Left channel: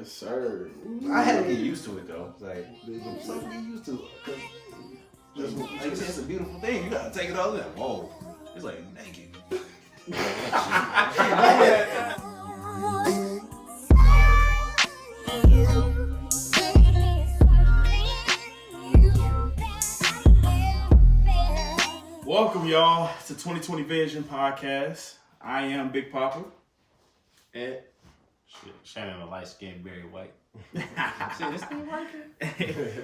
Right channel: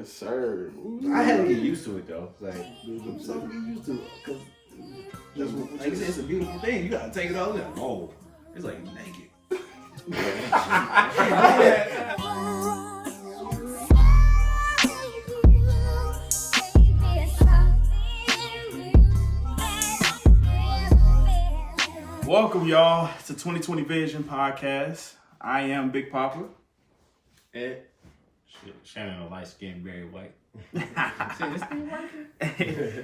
Yes, sir. Ooh. I had to get used to it though. Like, something to get used to. Cause like you said, it's a beautiful thing. You gotta take it all down. Oh, it's like naked. Welcome, y'all, to 2020 Vision Podcast. I am Big Poppa. And Shannon, a light-skinned, very white.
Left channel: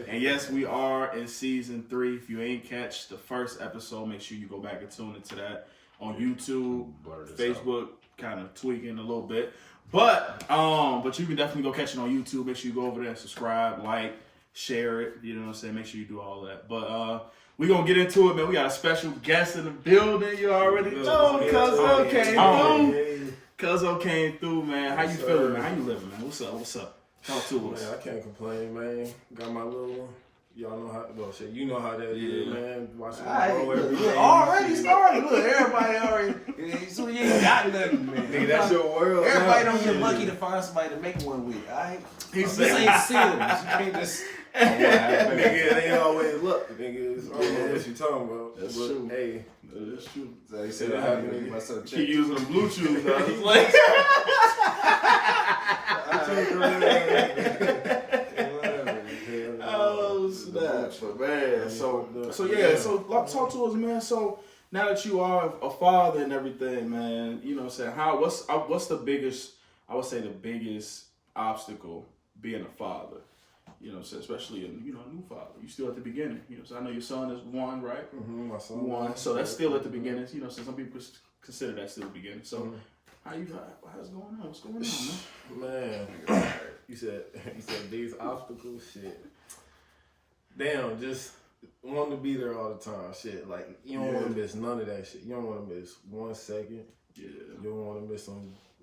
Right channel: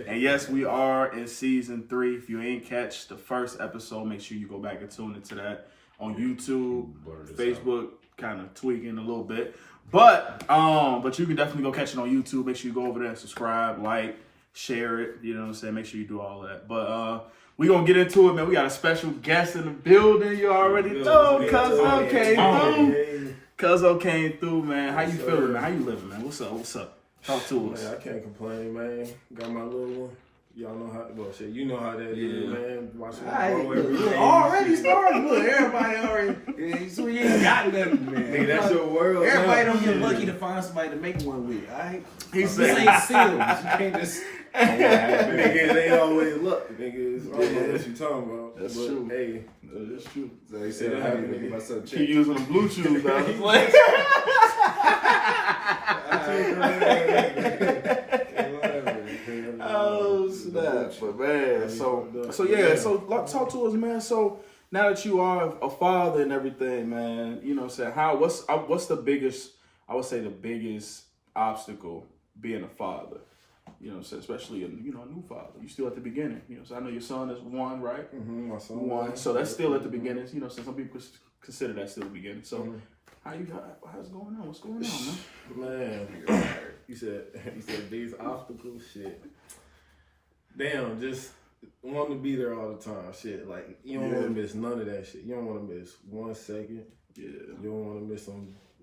And yes, we are in season 3. If you ain't catch the first episode, make sure you go back and tune into that on YouTube, Facebook, kind of tweaking a little bit. But you can definitely go catch it on YouTube. Make sure you go over there and subscribe, like, share it. You know what I'm saying? Make sure you do all of that. But we gonna get into it, man. We got a special guest in the building. You already know, Cuzzo came through. Cuzzo came through, man. How you feeling, man? How you living, man? What's up? What's up? Talk to us. Man, I can't complain, man. Got my little one. Y'all know how. Well, shit, you know how that is, man. Watching grow every day. Already started. Look, everybody already. So you ain't got nothing, man. Nigga, that's your world. Everybody don't get lucky to find somebody to make one with. Alright. This ain't sealed. You can't just. Nigga, they always look. Nigga, I don't know what you talking about. That's but, true. Hey, that's true. So he said it happened to myself. Keep using the Bluetooth, Oh snap! But man, so talk to us, man. So now that you are a father and everything, man, you know what I'm saying? What's the biggest? I would say the biggest obstacle being a father. You know, so especially a new father. You still at the beginning. You know, so I know your son is 1, right? Mm-hmm, my son 1. So that's still at the beginning. You know, so some people consider that still the beginning. So how's going on? What's going on, man? Man, you said these obstacles, shit. Damn, just want to be there all the time, shit. Like you don't want to miss none of that shit. You don't want to miss 1 second. Yeah. You don't want to miss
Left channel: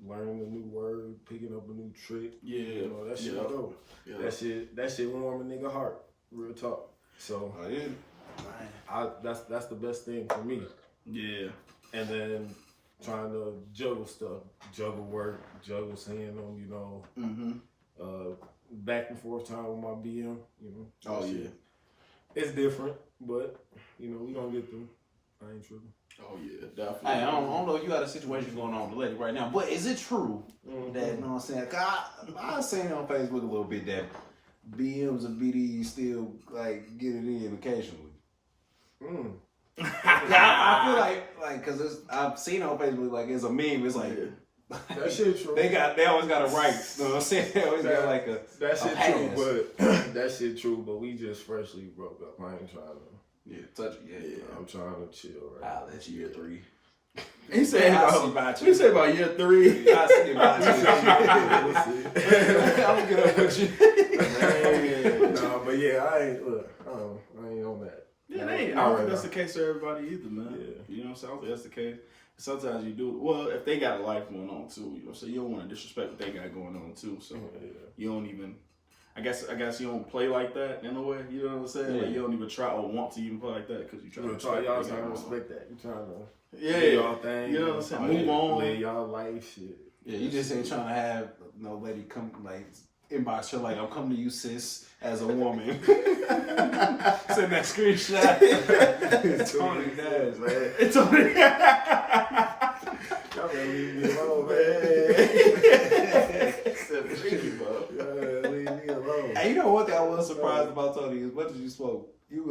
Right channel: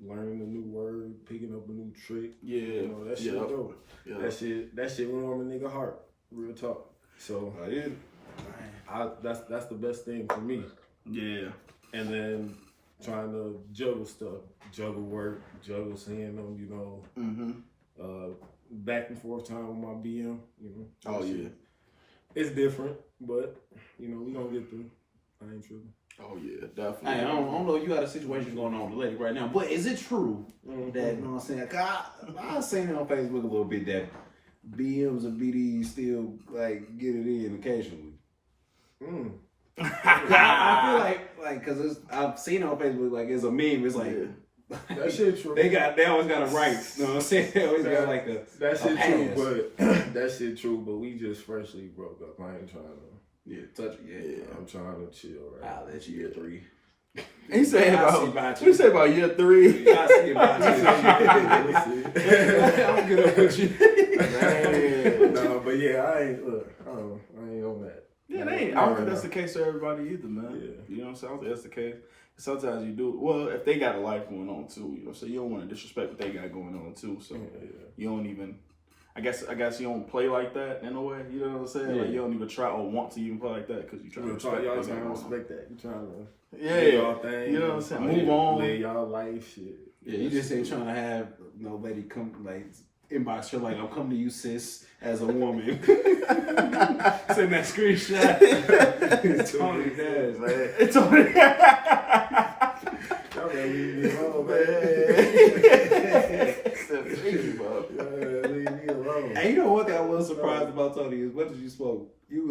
learning a new word, picking up a new trick. Yeah. You know, that shit dope. Yeah. That shit warm a nigga heart. Real talk. So that's the best thing for me. Yeah. And then trying to juggle stuff, juggle work, juggle seeing them, you know. Back and forth time with my BM, you know. Oh yeah. It's different, but you know, we gonna get through. I ain't tripping. Oh yeah, definitely. Hey, I don't know if you got a situation going on with the lady right now, but is it true that, you know what I'm saying? I seen on Facebook a little bit that BMs and BDs still like get it in occasionally. I feel like cause I've seen on Facebook like it's a meme. It's like that shit true. They always got a right. You know what I'm saying? They always got like that shit true, but that shit true. But we just freshly broke up. I ain't trying to. Yeah, touch it. Yeah. I'm trying to chill right now. That's year 3. He said about year 3. I see about you. I'm gonna get up with you. No, but yeah, I ain't on that. Yeah, I don't think that's the case for everybody either, man. Yeah. You know what I'm saying? I don't think that's the case. Sometimes you do. Well, if they got a life going on too, you know, so you don't want to disrespect what they got going on too. So you don't even. I guess you don't play like that in a way. You know what I'm saying? Yeah. Like you don't even try or want to even play like that because you trying to y'all trying to respect that. You trying to do y'all thing. You know what I'm saying? Move on. Live y'all life, shit. Yeah, you just ain't trying to have no lady come like inbox her like I'm coming to you, sis, as a woman. Send that screenshot. It's Toni does, man. It's Toni. Y'all gotta leave me alone, man. Leave me alone. And you know what thing I was surprised about Toni as much as you spoke, you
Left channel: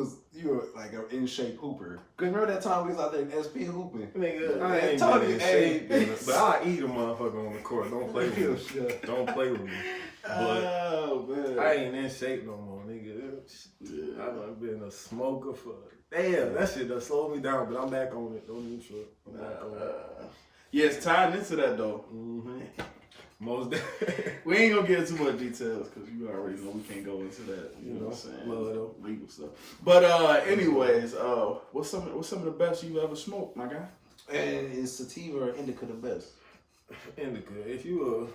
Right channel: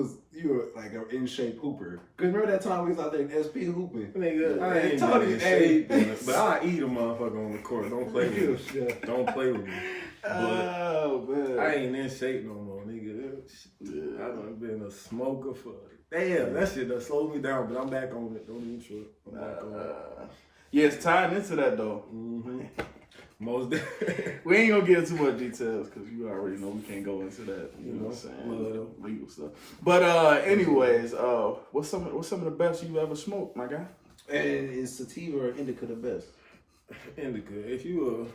were like an in shape hooper. Cause remember that time we was out there in SP hooping? Nigga, I ain't Toni in shape, but I eat a motherfucker on the court. Don't play with me. Don't play with me. But I ain't in shape no more, nigga. I done been a smoker for damn. That shit done slowed me down, but I'm back on it. Don't even trip. I'm back on it. Yeah, it's tied into that though. Most we ain't gonna get into too much details because you already know we can't go into that. You know what I'm saying? Legal stuff. But anyways, what's some of the best you ever smoked, my guy? And is sativa or indica the best? Indica. If you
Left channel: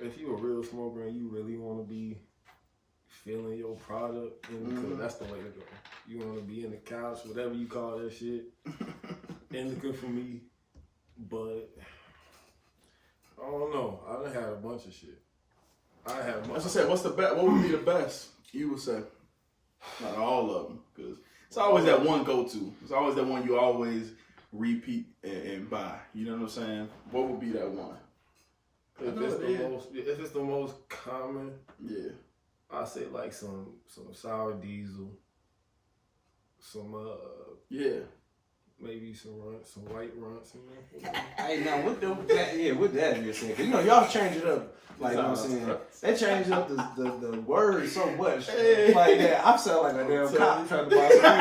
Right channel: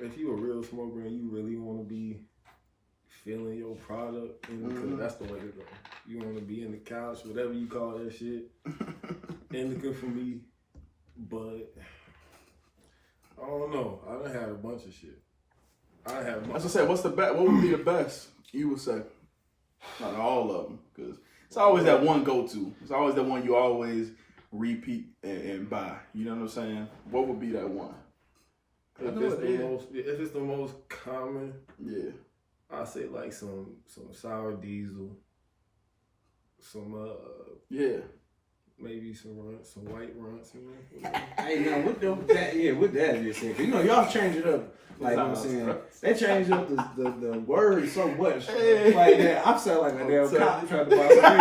a real smoker and you really want to be feeling your product, indica, that's the way to go. You want to be in the couch, whatever you call that shit. Indica for me, but I don't know. I done had a bunch of shit. I have. As I said, what's the best? What would be the best? You would say, not all of them, because it's always that one go-to. It's always that one you always repeat and buy. You know what I'm saying? What would be that one? If it's the most common, yeah, I say like some sour diesel, some yeah. maybe some white runts, you know. Hey, now with that you said, 'cause you know y'all change it up. Like, you know what I'm saying? They changed up the words so much. Like that, I'm sounding like a damn cop trying to buy some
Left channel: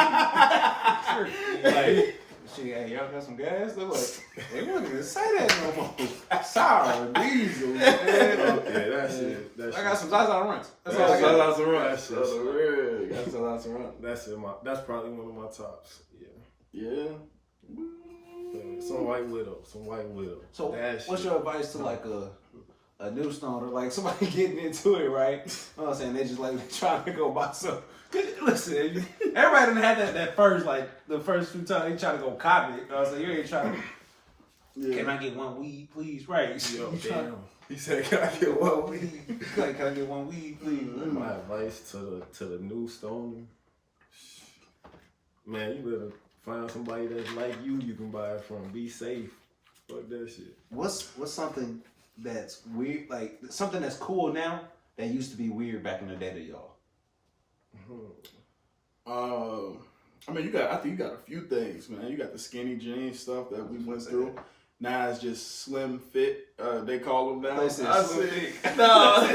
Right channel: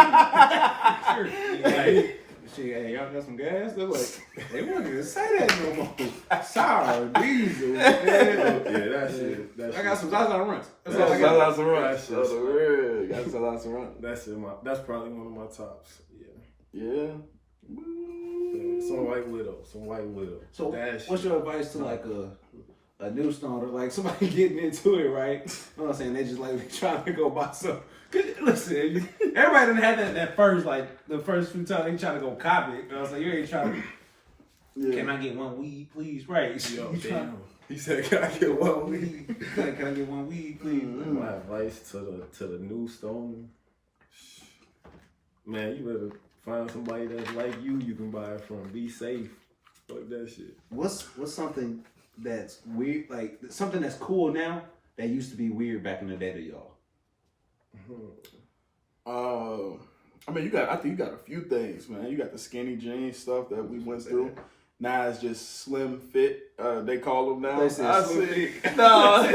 weed. Like, shit, hey, y'all got some gas? They're like, they wouldn't even say that no more. Sour, diesel, man. Yeah, that shit. I got some Zaza runs. That's all I got. Zaza runs. That's probably one of my tops. Yeah. Yeah. Some white widow. So, that what's shit. your advice to like a new stoner, like somebody getting into it, right? You know what I'm saying? They just like they trying to go buy some. Listen, everybody didn't have that first, like the first few times they trying to go copy it. You know what I'm saying? You ain't trying to. Yeah. Can I get one weed, please? Right? Yo, damn. He said, "Can I get one weed?" Like, can I get one weed, please? My advice to the new stoner, man, you better find somebody that's like you can buy it from. Be safe. Fuck that shit. What's something that's weird, like something that's cool now that used to be weird back in the day to y'all? I mean, I think you got a few things, man. You got the skinny jeans stuff that we went through. Now it's just slim fit. They call them now. They said slim fit. No,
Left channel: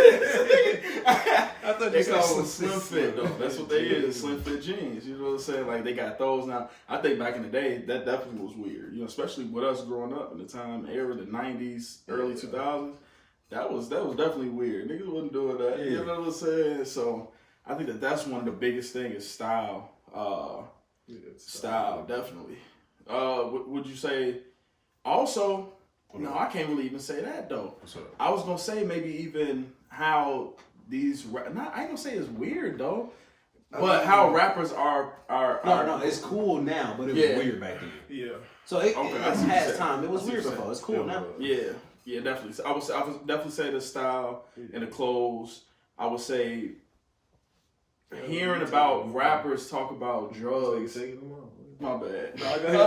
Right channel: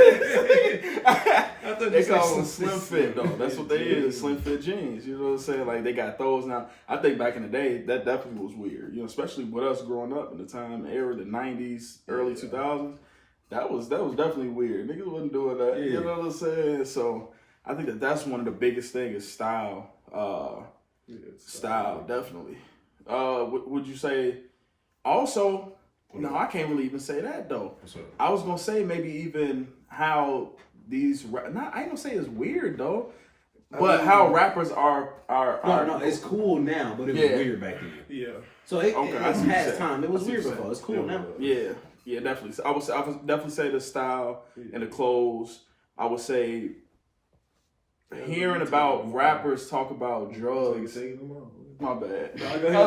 I thought they call them slim fit though. That's what they is, slim fit jeans. You know what I'm saying? Like they got those now. I think back in the day that definitely was weird. You know, especially with us growing up in the time era, the '90s, early 2000s. That was definitely weird. Niggas wasn't doing that. Yeah. You know what I'm saying? So I think that's one of the biggest things is style. Style definitely. Would you say? Also, no, I can't really even say that though. I was gonna say maybe even how these. I ain't gonna say it's weird though, but how rappers are. No, it's cool now, but it was weird back then. Yeah. So it has time. It was weird before. It's cool now. Yeah, definitely. So I would definitely say the style and the clothes. I would say hearing about rappers talk about drugs. My bad. No, go ahead.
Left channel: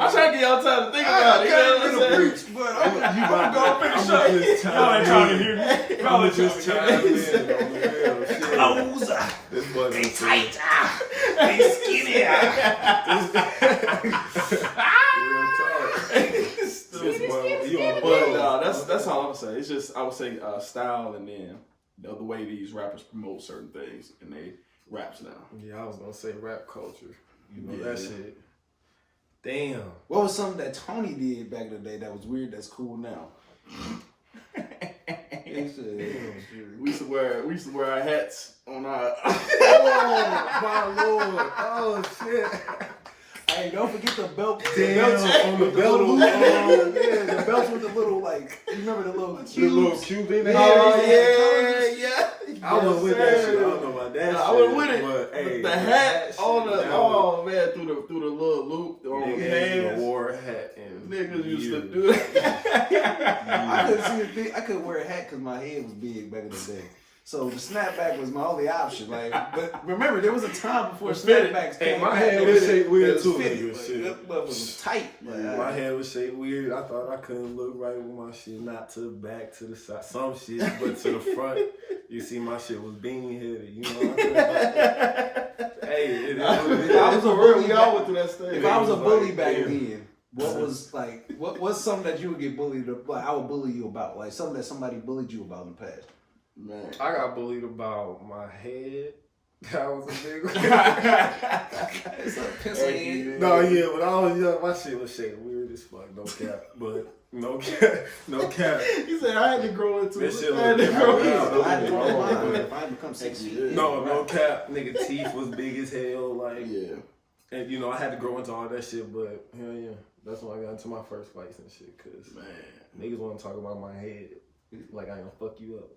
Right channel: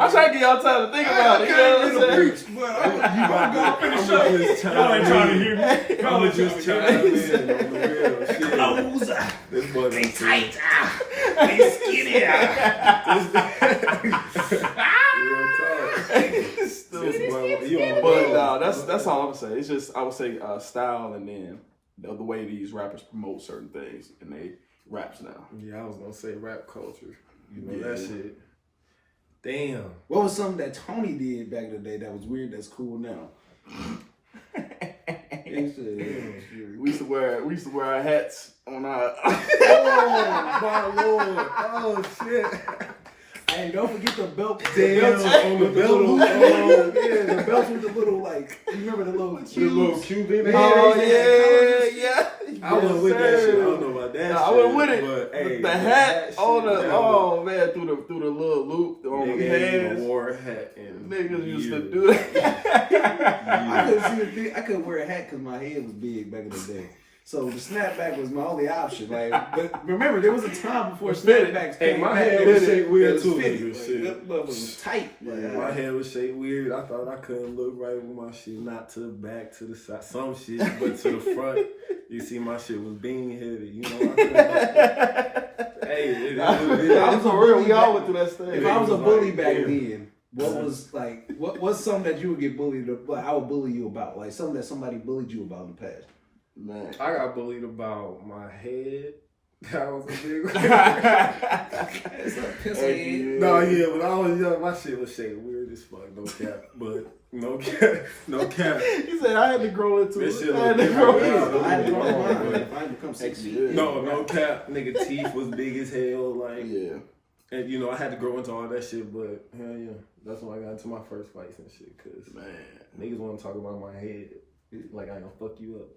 I'm trying to get y'all time to think about it. You know what I'm saying? I'm just trying to hear me. I'm just trying to listen on the real shit. Clothes. This boy They tight. They skinny. Real talk. This boy, you on the But road. no, that's all I'm saying. It's just I would say style and then the way these rappers promote certain things and they raps now. Yeah, I was gonna say rap culture. You know that shit. Damn. What was something that Toni did back in the day that was weird that's cool now? We used to wear our hats on our. Oh my lord! Oh shit! Hey, don't forget the belt. Damn, on the belt loop. The belts with the little like. You remember the little Cuban? Oh yeah. I wasn't with that shit. I don't know about that shit. I wasn't with it. But hey, the hat on the shit, through the little loop on nigga the ain't even hands. wore a hat in Niggas used to years. do that. I couldn't wear a hat because my head was big back in the day. So the snapback was my only option. Like, but remember, there was a time before snapbacks came. Hey, my back. head was shaped weird too, fitted. nigga. Like, Shit. that motherfucker was tight. Like, My head was shaped weird. I thought I couldn't look right with my shit, not to the back, to the side, some shit, but to the front. You see, my shit was bean headed. You know, I couldn't. Hey, I was a real. We all went through that stage. if I was a bully back then, what was like? What's something that you would get bullied? Like, I would bully you about, like something that somebody bullied you about in the past. Man, I got bullied about my head. That was a big one. It's like pencil head. No, yeah, when I was young, my shit was shaped weird as fuck. No cap, but no cap. He said I had to grow into This it. shit I look had to grow different into now. I had to grow Don't mine. get me wrong, If I become 6 Yeah. feet. No cap. Nigga, teeth was big as hell. Like, Yeah. and you know, I had to grow into all that shit. But hell yeah, that's when I got into my first fights and shit. Cause Man. niggas want to talk about my head, like I ain't gonna fuck you up.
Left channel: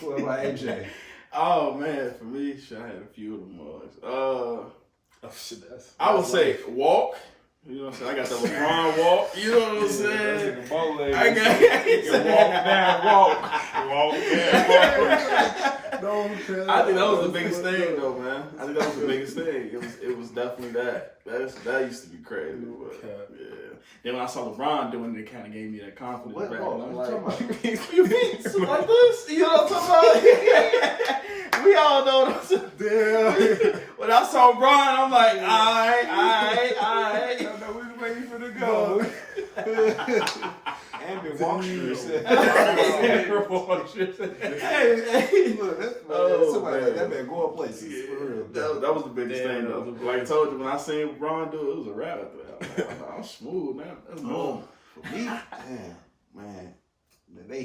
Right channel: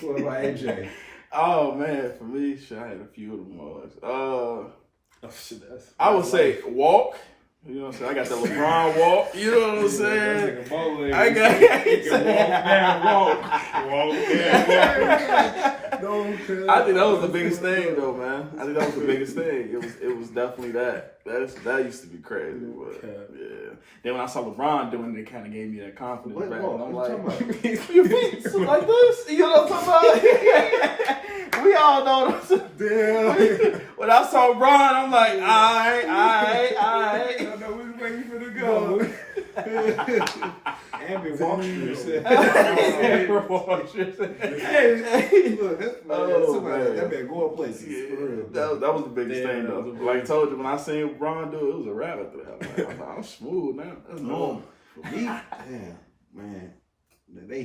What about AJ? Oh man, for me, shit, I had a few of them boys. Oh shit, I would say walk. You know what I'm saying? I got the LeBron walk. You know what I'm saying? I got I think that was the biggest thing, though, man. I think that was the biggest thing. It was definitely that. That used to be crazy. But, yeah. Then when I saw LeBron doing it, it kind of gave me that confidence back. And I'm like, you beat like this? You know what I'm talking about? We all know what I'm saying. Damn. When I saw LeBron, I'm like, all right. I know we was waiting for the go. And been walking. Hey, look, somebody that man going places. For real. That was the biggest thing, though. Like I told you, when I seen LeBron do it, it was a rap after that. I'm smooth now. That's normal. For me, man. They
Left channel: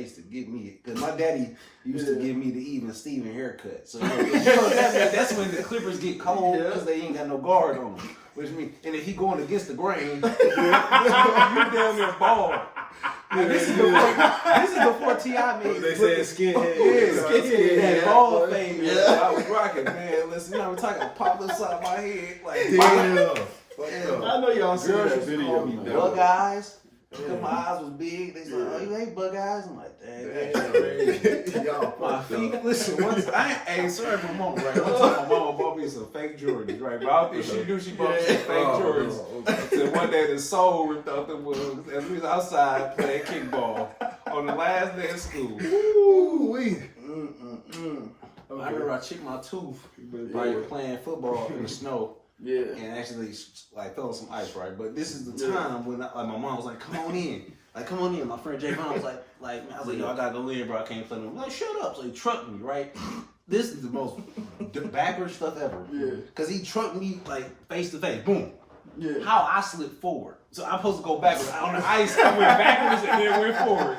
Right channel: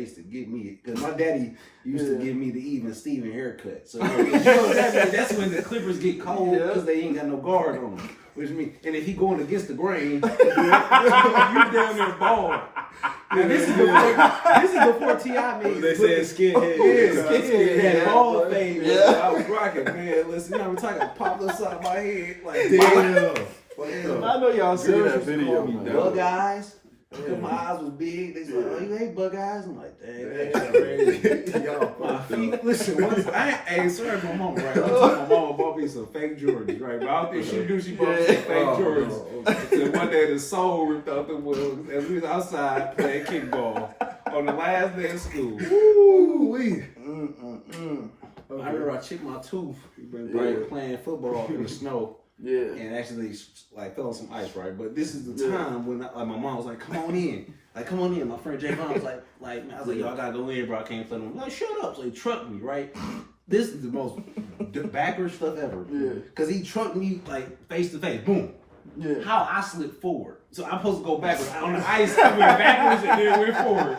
used to give me, because my daddy used to give me the even Steven haircut. So that's when the clippers get cold because they ain't got no guard on them. Which means, and if he going against the grain, you down there bald. And this is before T.I. made they said skinhead. Skinhead. Bald thing. Yeah. I was rocking, man. Listen, I'm talking, popped upside my head. Like, damn. I know y'all seen that video. Bug eyes. My eyes was big. They said, "Oh, you hate bug eyes?" I'm like, "Damn, y'all my feet." Listen, once sorry, my mama, right? I told my mama bought me some fake Jordans, right? But I don't think she knew she bought me some fake Jordans. So one day the soul ripped out the woods, and we was outside playing kickball on the last day of school. Ooh-wee. I remember I chipped my tooth playing football in the snow. Yeah. And actually, like, fell on some ice, right? But this is the time when, my mom was like, come on in. Like, come on in. My friend Jay Brown was like, I was like, yo, I gotta go in, bro. I can't play no more. Like, shut up. So he trucked me, right? This is the most backwards stuff ever. Yeah. Because he trucked me, like, face to face. Boom. Yeah. How I slipped forward. So I'm supposed to go backwards. On the ice, I went backwards and then went forward.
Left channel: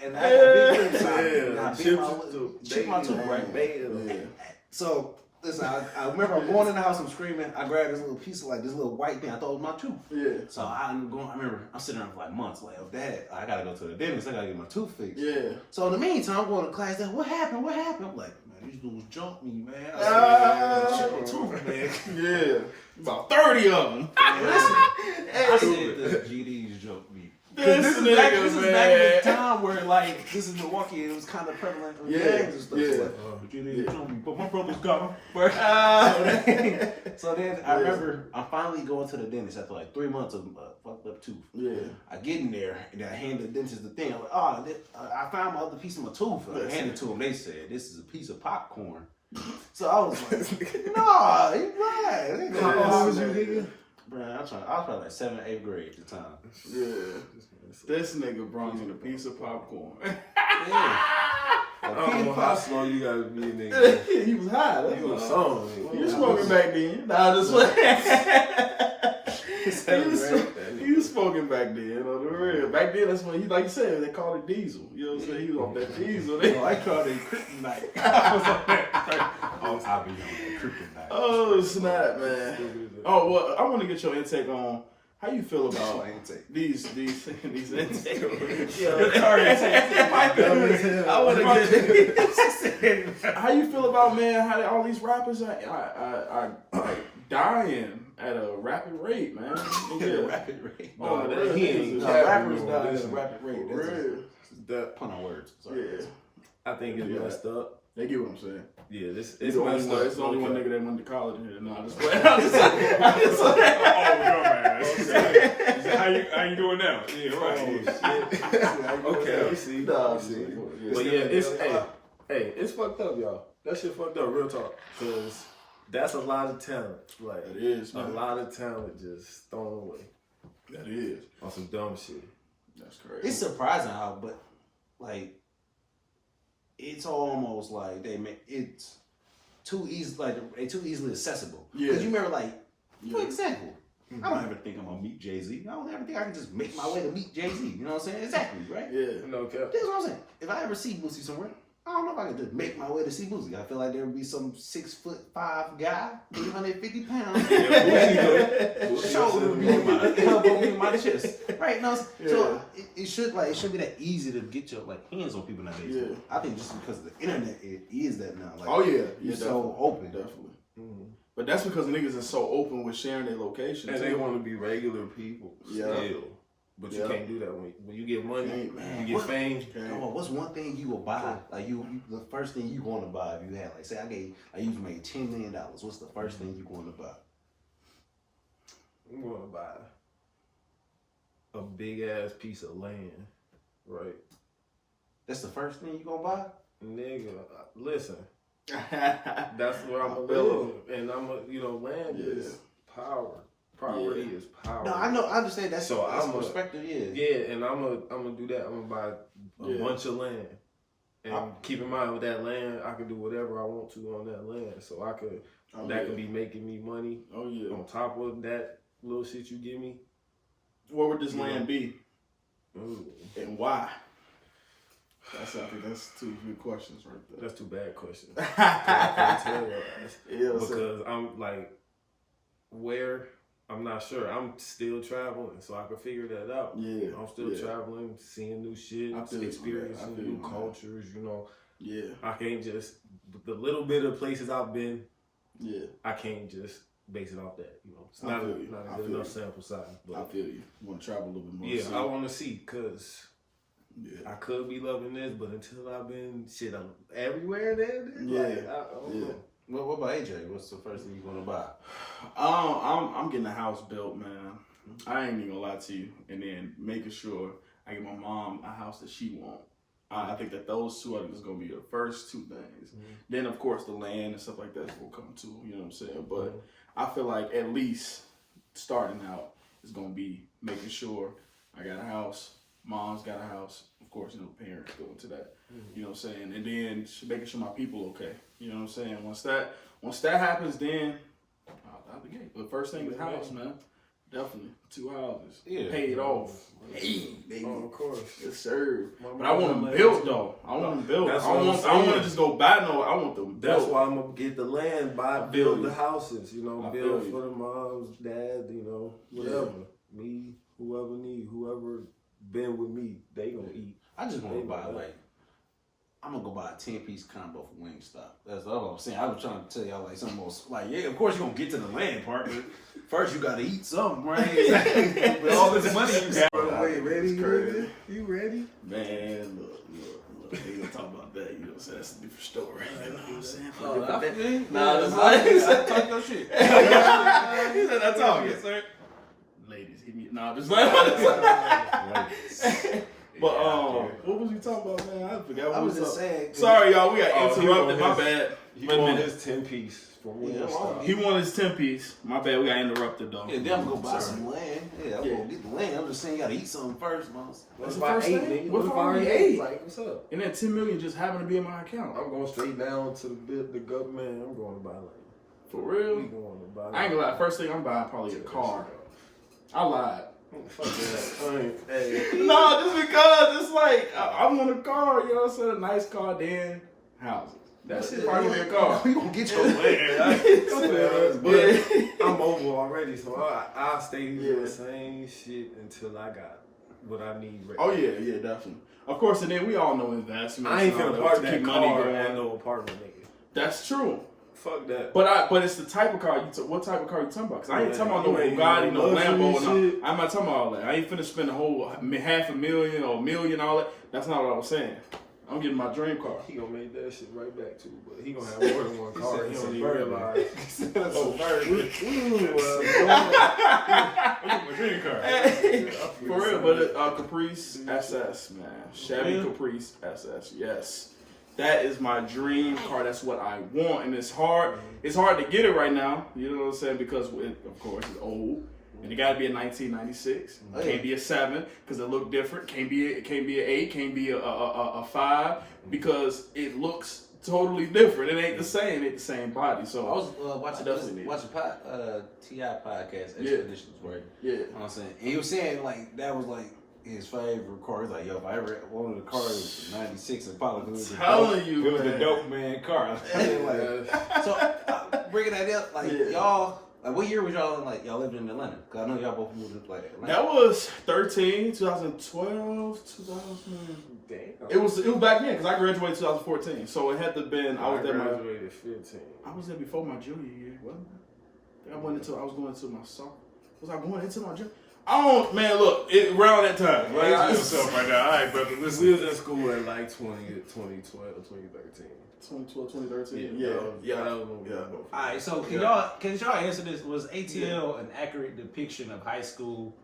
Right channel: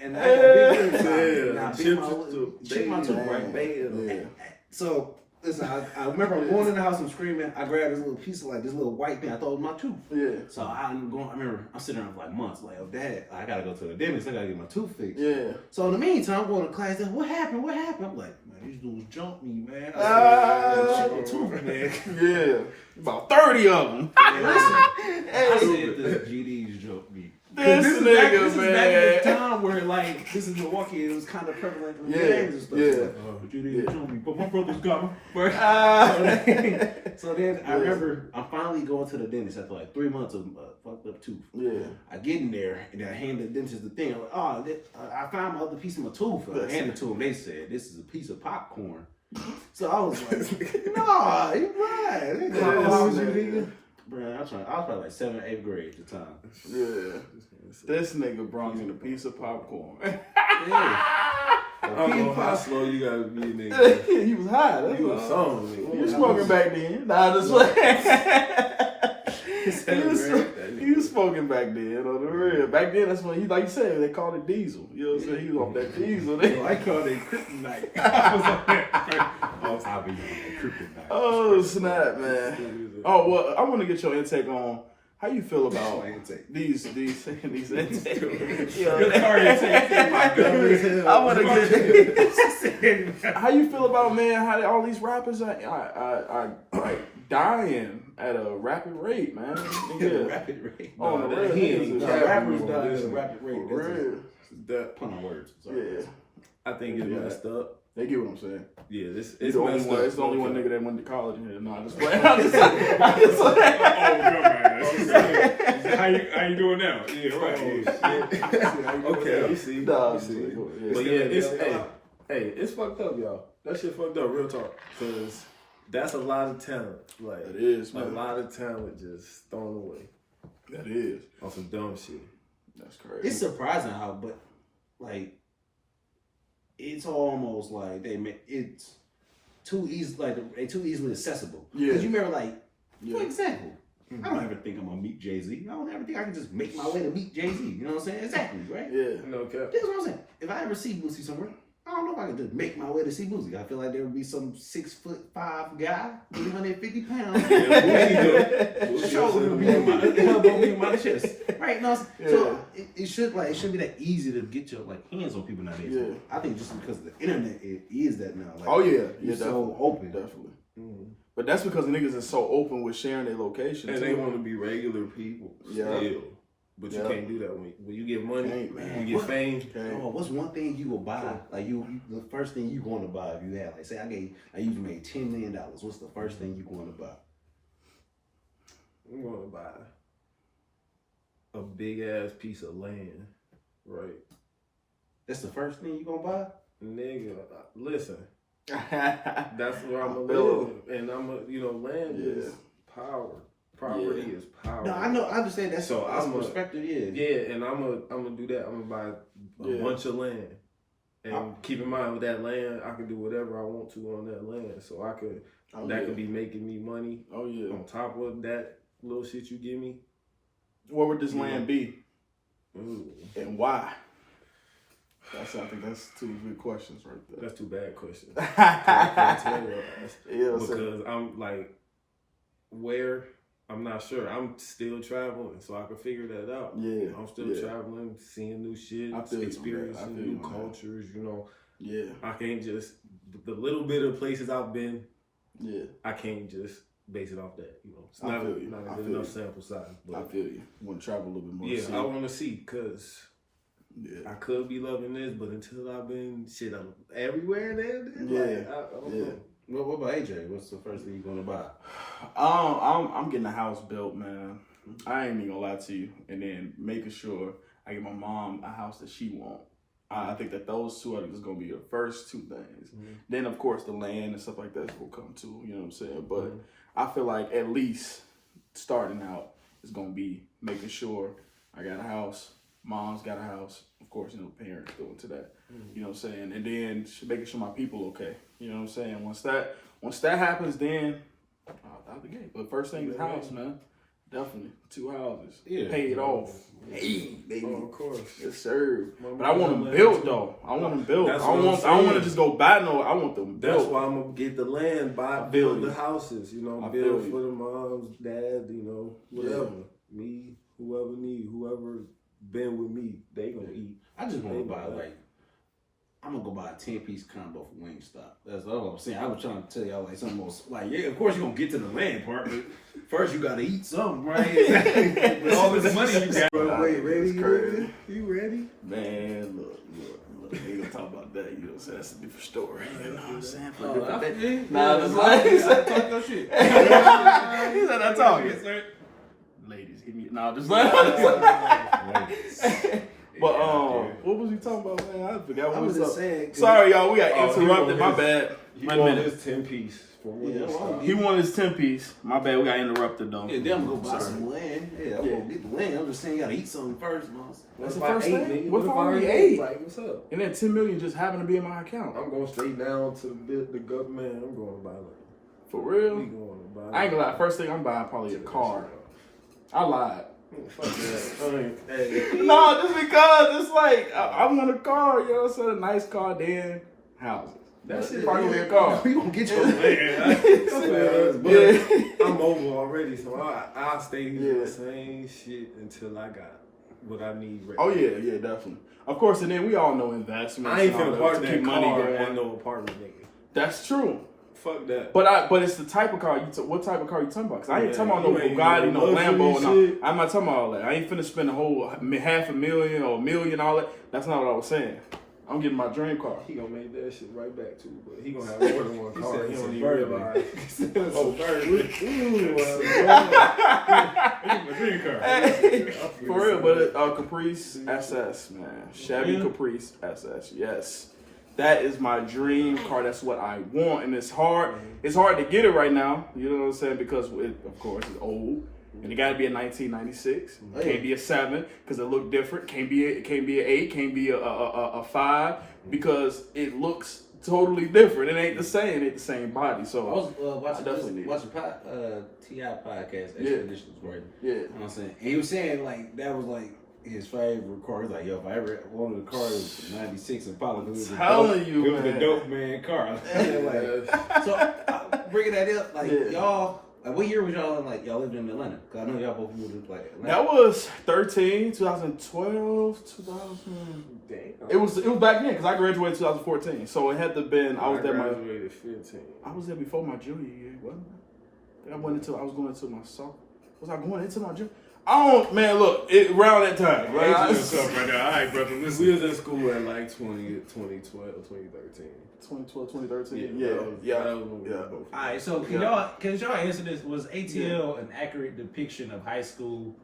And I got big ribs. Chipped my tooth, right? So... Listen, I remember I'm going in the house, I'm screaming. I grabbed this little piece of this little white thing. I thought it was my tooth. Yeah. So I remember I'm sitting there for like months, like, oh, Dad, I gotta go to the dentist. I gotta get my tooth fixed. Yeah. So in the meantime, I'm going to class. Then what happened? I'm like, man, these dudes jumped me, man. I tooth, man. Yeah. About 30 of them. I said the GDs jumped me. This is back in the time where, like, this is Milwaukee, it was kind of prevalent with gangs and stuff. Like, but my brother's got them. So then I remember I finally going to the dentist after like 3 months of fucked up tooth. Yeah. I get in there and I hand the dentist the thing. I'm like, I found my other piece of my tooth. I handed it to him. They said, this is a piece of popcorn. So I was like, nah, you right. How old was you, nigga? Bro, I was probably like 7th, 8th grade at the time. Yeah. This nigga brought me a piece of popcorn. Yeah. I don't know how slow you gotta be, nigga. He was high. That's you was song, nigga. You was smoking back then. Nah, this way. He was smoking back then, on the real. Back then, that's when like you said, they called it diesel. You know what I'm saying? He was off that diesel. I called it kryptonite. I was on that. I'll be on that kryptonite. Oh, snap, man. Oh, well, I want to get your intake on how you feel about these intakes. I want to get how you feel about, man, how all these rappers are like dying at a rapid rate, man. Rapid rate. Oh, no, rappers dying at a rapid rate. That pun on words. Sorry. Yeah. I think it's messed up. They get what I'm saying. Yeah, it's messed up. It's the only one nigga that went to college in here. No, I'm just playing. How you doing now? Yeah, right. Okay, you see. But yeah, it's fucked up, y'all. That shit fucked up, real talk. Cause that's a lot of talent. Like, it is, man. A lot of talent just thrown away. That is. On some dumb shit. That's crazy. It's surprising how, but like, it's almost like it's too easy, like they too easily accessible. Yeah. Cause you remember, like, for example, I don't ever think I'm gonna meet Jay-Z. I don't ever think I can just make my way to meet Jay-Z. You know what I'm saying? Exactly, right? Yeah. No cap. That's what I'm saying. If I ever see Boosie somewhere, I don't know if I can just make my way to see Boosie. I feel like there would be some 6'5" guy, 350 pounds. Elbow my chest. Right? No, so it should be that easy to get your hands on people nowadays. Yeah. I think just because the internet it is that now. Like, oh yeah, it's so open. Definitely. But that's because niggas are so open with sharing their location. And they want to be regular people still. But you can't do that when you get money, you get fame. What's one thing you will buy? Like the first thing you want to buy if you have, like, say you made $10 million. What's the first thing you want to buy? I'm going to buy a big ass piece of land, right? That's the first thing you gonna buy? Nigga, listen. That's where I'm gonna live, and land is power. Property is power. No, I know. I understand that's so that's perspective is. Yeah, and I'm gonna do that. I'm gonna buy a bunch of land, and keep in mind with that land, I can do whatever I want to on that land. So I could could be making me money. Oh yeah. On top of that little shit you give me. Where would this land be? Ooh. And why? I think that's 2 good questions right there. That's 2 bad questions. I can't tell your ass. Because I'm like, where? I'm not sure. I'm still traveling, so I can figure that out. Yeah. I'm still traveling, seeing new shit, experiencing new cultures, Yeah. I can't just, the little bit of places I've been, I can't just base it off that, It's not a good enough sample size. But I feel you. Want to travel a little bit more. Yeah, I want to see, because I could be loving this, but until I've been, I'm everywhere then. I don't know. What about AJ? What's the first thing you gonna buy? I'm getting a house built, man. I ain't even gonna lie to you. And then making sure I get my mom a house that she wants. I think that those 2 are just gonna be the first 2 things. Then of course the land and stuff like that will come too. You know what I'm saying? But I feel like at least starting out is gonna be making sure I got a house. Mom's got a house. Of course, parents go into that. You know what I'm saying? And then making sure my people okay. You know what I'm saying? Once that happens, then out the gate. But first thing is house, man. Definitely 2 houses. Yeah. Paid off. Hey, baby. Oh, of course. Yes, sir. But I want them built though. I want them built. I don't want to just go buy no. I want them built. That's why I'm gonna get the land, build the houses. Build for the moms, dad. Whatever. Me, whoever been with me, they gonna eat. I just want to buy I'm gonna go buy a 10-piece combo from Wingstop. That's what I'm saying. I was trying to tell y'all something else. Of course you're gonna get to the land part, but first you gotta eat something, right? All this money you got. Wait, ready? You ready? Man, look. We ain't gonna talk about that. You know what I'm saying? That's a different story. You know what I'm saying? Talk your shit. He said that's all. Yes, sir. Ladies, give me just ladies. But what was we talking about, man? I forgot what was up. Saying, sorry, y'all, we got interrupted. My bad. He wanted his 10-piece from Wingstop. He wanted his 10-piece. My bad. We got interrupted though. Yeah, then I'm gonna go buy some land. Yeah, I'm gonna get the land. I'm just saying, you gotta eat something first, man. That's the first thing. What if I already ate? Like, what's up? And then $10 million just happened to be in my account. I'm going straight down to the government. I'm going to buy land. For real? We going to buy land. I ain't gonna lie. First thing I'm buying probably a car. I lied. Fuck that. Hey. No, just because it's like I want a car, you know what I'm saying? A nice car, then houses. That shit probably be a car. You gonna get your land. But I'm mobile already, so I'll stay doing the same shit until I got what I need ready. Oh yeah, definitely. Of course, and then we all know investments. I ain't finna park that car at no apartment, nigga. That's true. Fuck that. But it's the type of car what type of car you talking about? Cause I ain't talking about no Bugatti, no Lambo, no. I'm not talking about all that. I ain't finna spend a whole $500,000 or $1 million, all that. That's not what I was saying. I'm getting my dream car. He gonna make that shit right back too, but he gonna have more than one car. He don't even realize. Oh, my dream car. For real, but Caprice SS, man. Chevy Caprice SS, yes. That is my dream car. That's what I want, and it's hard. It's hard to get it right now. You know what I'm saying? Because of course, it's old, and it got to be a 1996. It can't be a 7 because it look different. Can't be an 8. Can't be a 5 because it looks totally different. It ain't the same. It ain't the same body. So I was watching T.I. podcast. Expeditions, right? Yeah. You know what I'm saying? And he was saying that was his favorite car. He's like, yo, if I ever wanted a car, it was 96 Impala. It was a dope man car. So bringing that up, y'all, what year was y'all in? Y'all lived in Atlanta? Cause I know y'all both moved to Atlanta. That was 2012, 2000. Damn. It was back then because I graduated in 2014. So it had to have been. I graduated 15. I was there before my junior year, wasn't I? I was going into my song. Was I going into my gym? I don't, man, look, around that time. Right? Yourself right now. All right, brother. Listen. We was in school at like 2012, 2013. 2012, 2013. Yeah. Yeah. That was when we were both. All right, so can y'all answer this? Was ATL an accurate depiction of high school?